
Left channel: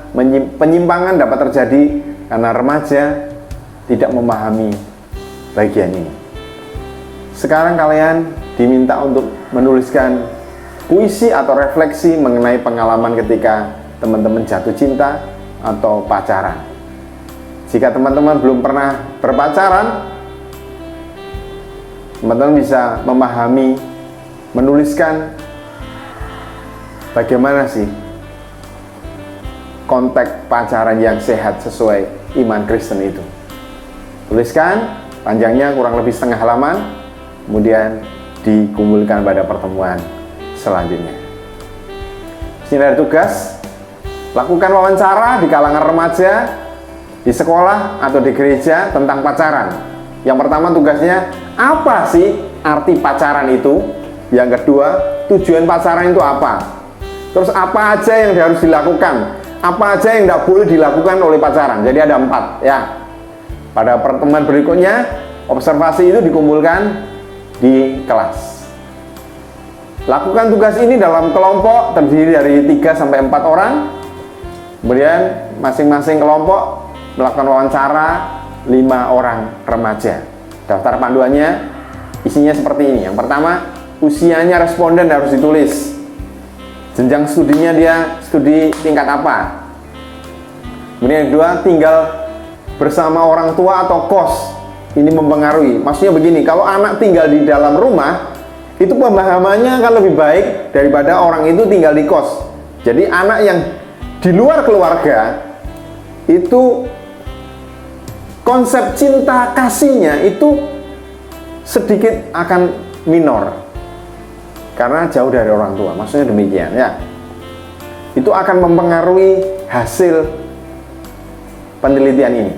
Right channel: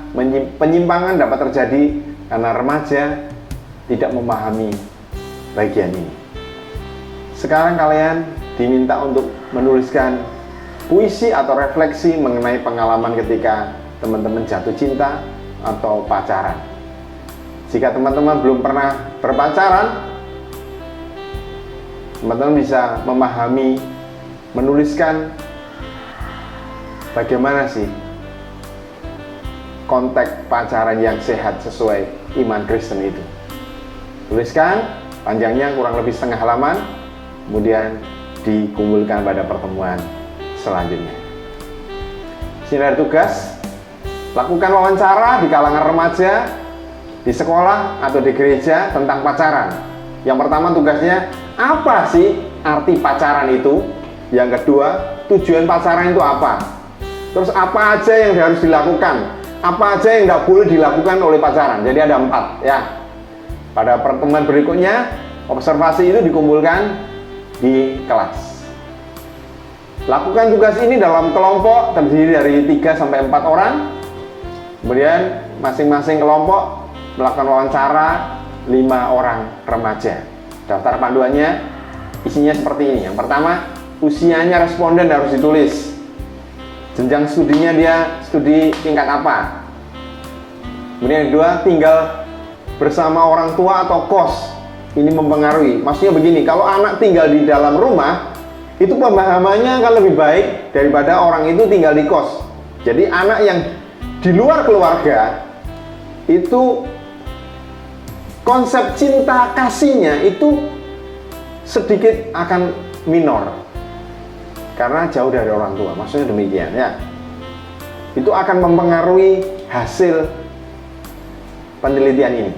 penyimpangan dapat terjadi karena remaja tidak memahami bagian ini. Sekarang kalian diminta untuk menuliskan puisi atau refleksi mengenai pengalaman ketika teman-teman jatuh cinta atau pacaran. Jika teman-teman belum pernah berpacaran, teman-teman bisa memahami, menuliskan bagaimana sih konteks pacaran yang sehat sesuai iman Kristen itu. Tuliskan, panjangnya kurang lebih setengah halaman, kemudian dikumpulkan pada pertemuan selanjutnya. Ini dari tugas, lakukan wawancara di kalangan remaja, di sekolah atau di gereja tentang pacaran. Yang pertama tugasnya, apa sih arti pacaran itu? Yang kedua, tujuan pacaran itu apa? Terus apa aja yang harus dilakukan? Apa aja yang tidak boleh dilakukan oleh pacaran? Jadi ada 4 ya. Pada pertemuan berikutnya, observasi itu dikumpulkan di kelas. Lakukan tugas ini dalam kelompok terdiri dari 3-4 orang. Kemudian masing-masing kelompok melakukan wawancara 5 orang remaja. Daftar panduannya isinya seperti ini. Yang pertama, usianya responden harus ditulis. Jenjang studinya dia studi tingkat apa. Kemudian yang kedua, tinggal bersama orang tua atau kos. Ini mempengaruhi. Maksudnya begini, kalau anak tinggal di dalam rumah, itu pemahamannya akan lebih baik daripada orang itu tinggal di kos. Jadi anak yang di luar keluarga itu konsep cinta kasihnya itu sedikit akan minor karena jauh dari orang tua. Maksudnya demikian ya. Itu akan mempengaruhi hasil penelitian ini.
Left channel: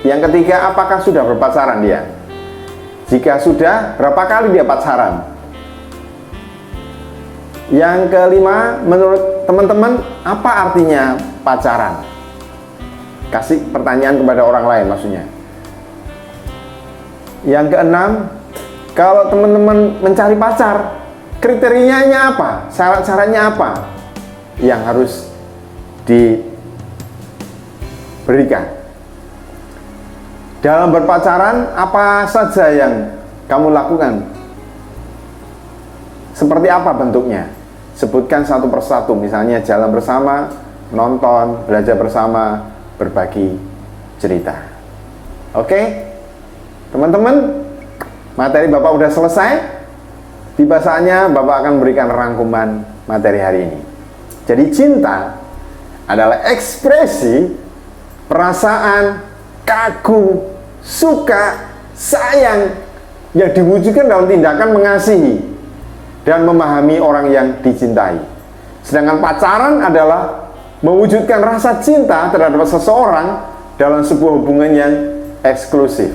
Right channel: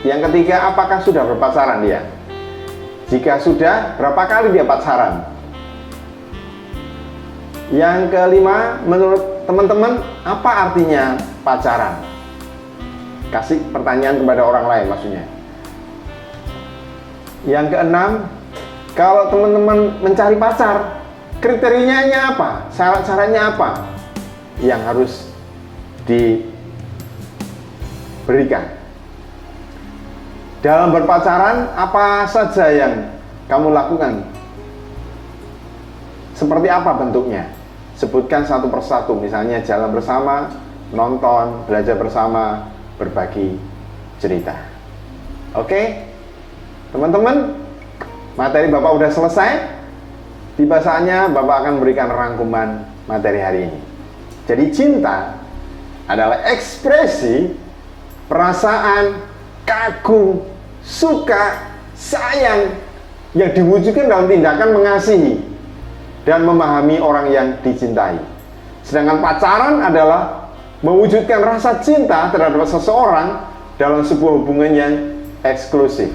Yang ketiga, apakah sudah berpacaran dia? Jika sudah, berapa kali dia pacaran? Yang kelima, menurut teman-teman, apa artinya pacaran? Kasih pertanyaan kepada orang lain maksudnya. Yang keenam, kalau teman-teman mencari pacar, kriterianya apa? Syarat-syaratnya apa yang harus diberikan? Dalam berpacaran, apa saja yang kamu lakukan? Seperti apa bentuknya? Sebutkan satu persatu, misalnya jalan bersama, nonton, belajar bersama, berbagi cerita. Oke, teman-teman, materi Bapak udah selesai. Tiba saatnya Bapak akan memberikan rangkuman materi hari ini. Jadi cinta adalah ekspresi perasaan kagum, suka, sayang yang diwujudkan dalam tindakan mengasihi dan memahami orang yang dicintai. Sedangkan pacaran adalah mewujudkan rasa cinta terhadap seseorang dalam sebuah hubungan yang eksklusif.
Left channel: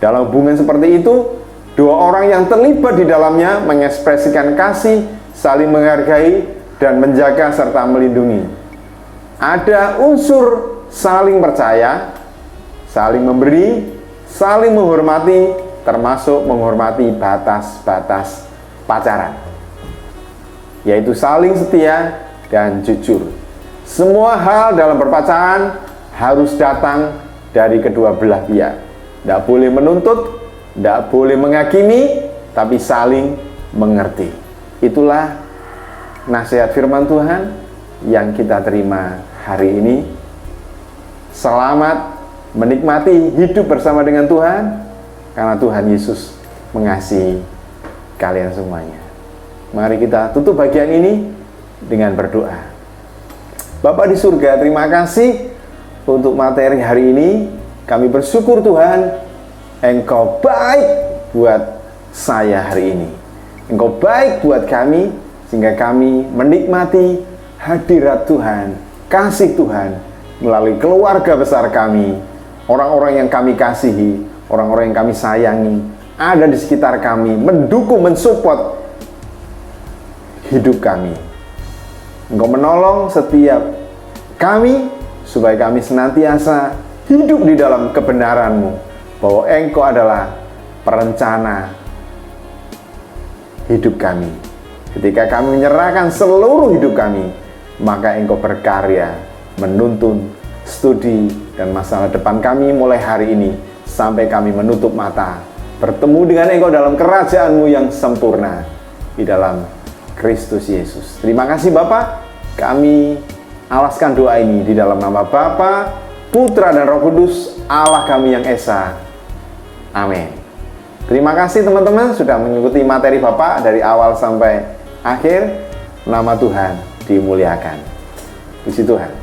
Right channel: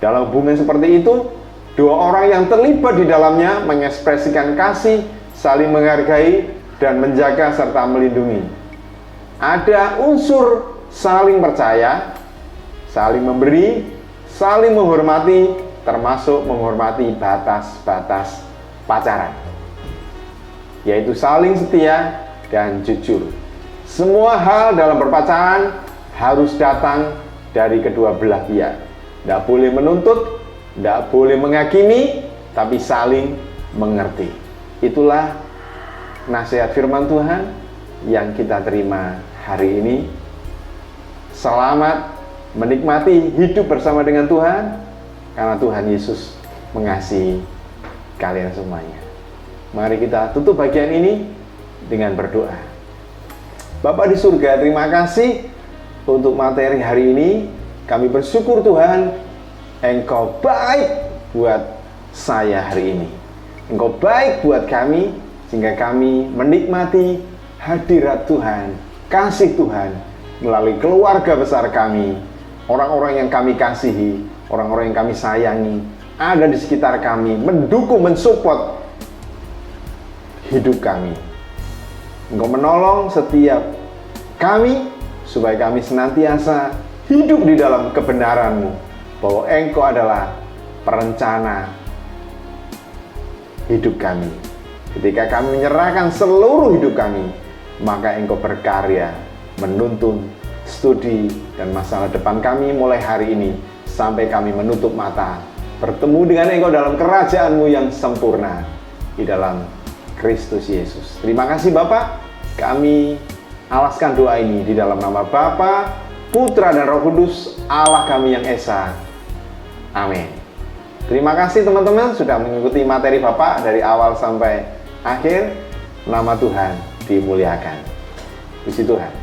Dalam hubungan seperti itu, dua orang yang terlibat di dalamnya mengekspresikan kasih, saling menghargai, dan menjaga serta melindungi. Ada unsur saling percaya, saling memberi, saling menghormati, termasuk menghormati batas-batas pacaran, yaitu saling setia dan jujur. Semua hal dalam berpacaran harus datang dari kedua belah pihak. Tidak boleh menuntut, tidak boleh menghakimi, tapi saling mengerti. Itulah nasihat firman Tuhan yang kita terima hari ini. Selamat menikmati hidup bersama dengan Tuhan, karena Tuhan Yesus mengasihi kalian semuanya. Mari kita tutup bagian ini dengan berdoa. Bapa di surga, terima kasih untuk materi hari ini. Kami bersyukur Tuhan, Engkau baik buat saya hari ini. Engkau baik buat kami, sehingga kami menikmati hadirat Tuhan, kasih Tuhan melalui keluarga besar kami, orang-orang yang kami kasihi, orang-orang yang kami sayangi, ada di sekitar kami, mendukung, mensupport hidup kami. Engkau menolong setiap kami, supaya kami senantiasa hidup di dalam kebenaran-Mu, bahwa Engkau adalah perencana hidup kami. Ketika kami menyerahkan seluruh hidup kami, maka Engkau berkarya menuntun studi dan masa depan kami mulai hari ini sampai kami menutup mata, bertemu dengan Engkau dalam kerajaan-Mu yang sempurna di dalam Kristus Yesus. Terima kasih Bapa. Kami alaskan doa ini di dalam nama Bapa Putra dan Roh Kudus, Allah kami yang Esa. Amin. Terima kasih teman-teman sudah mengikuti materi Bapak dari awal sampai akhir. Nama Tuhan dimuliakan. Puji Tuhan.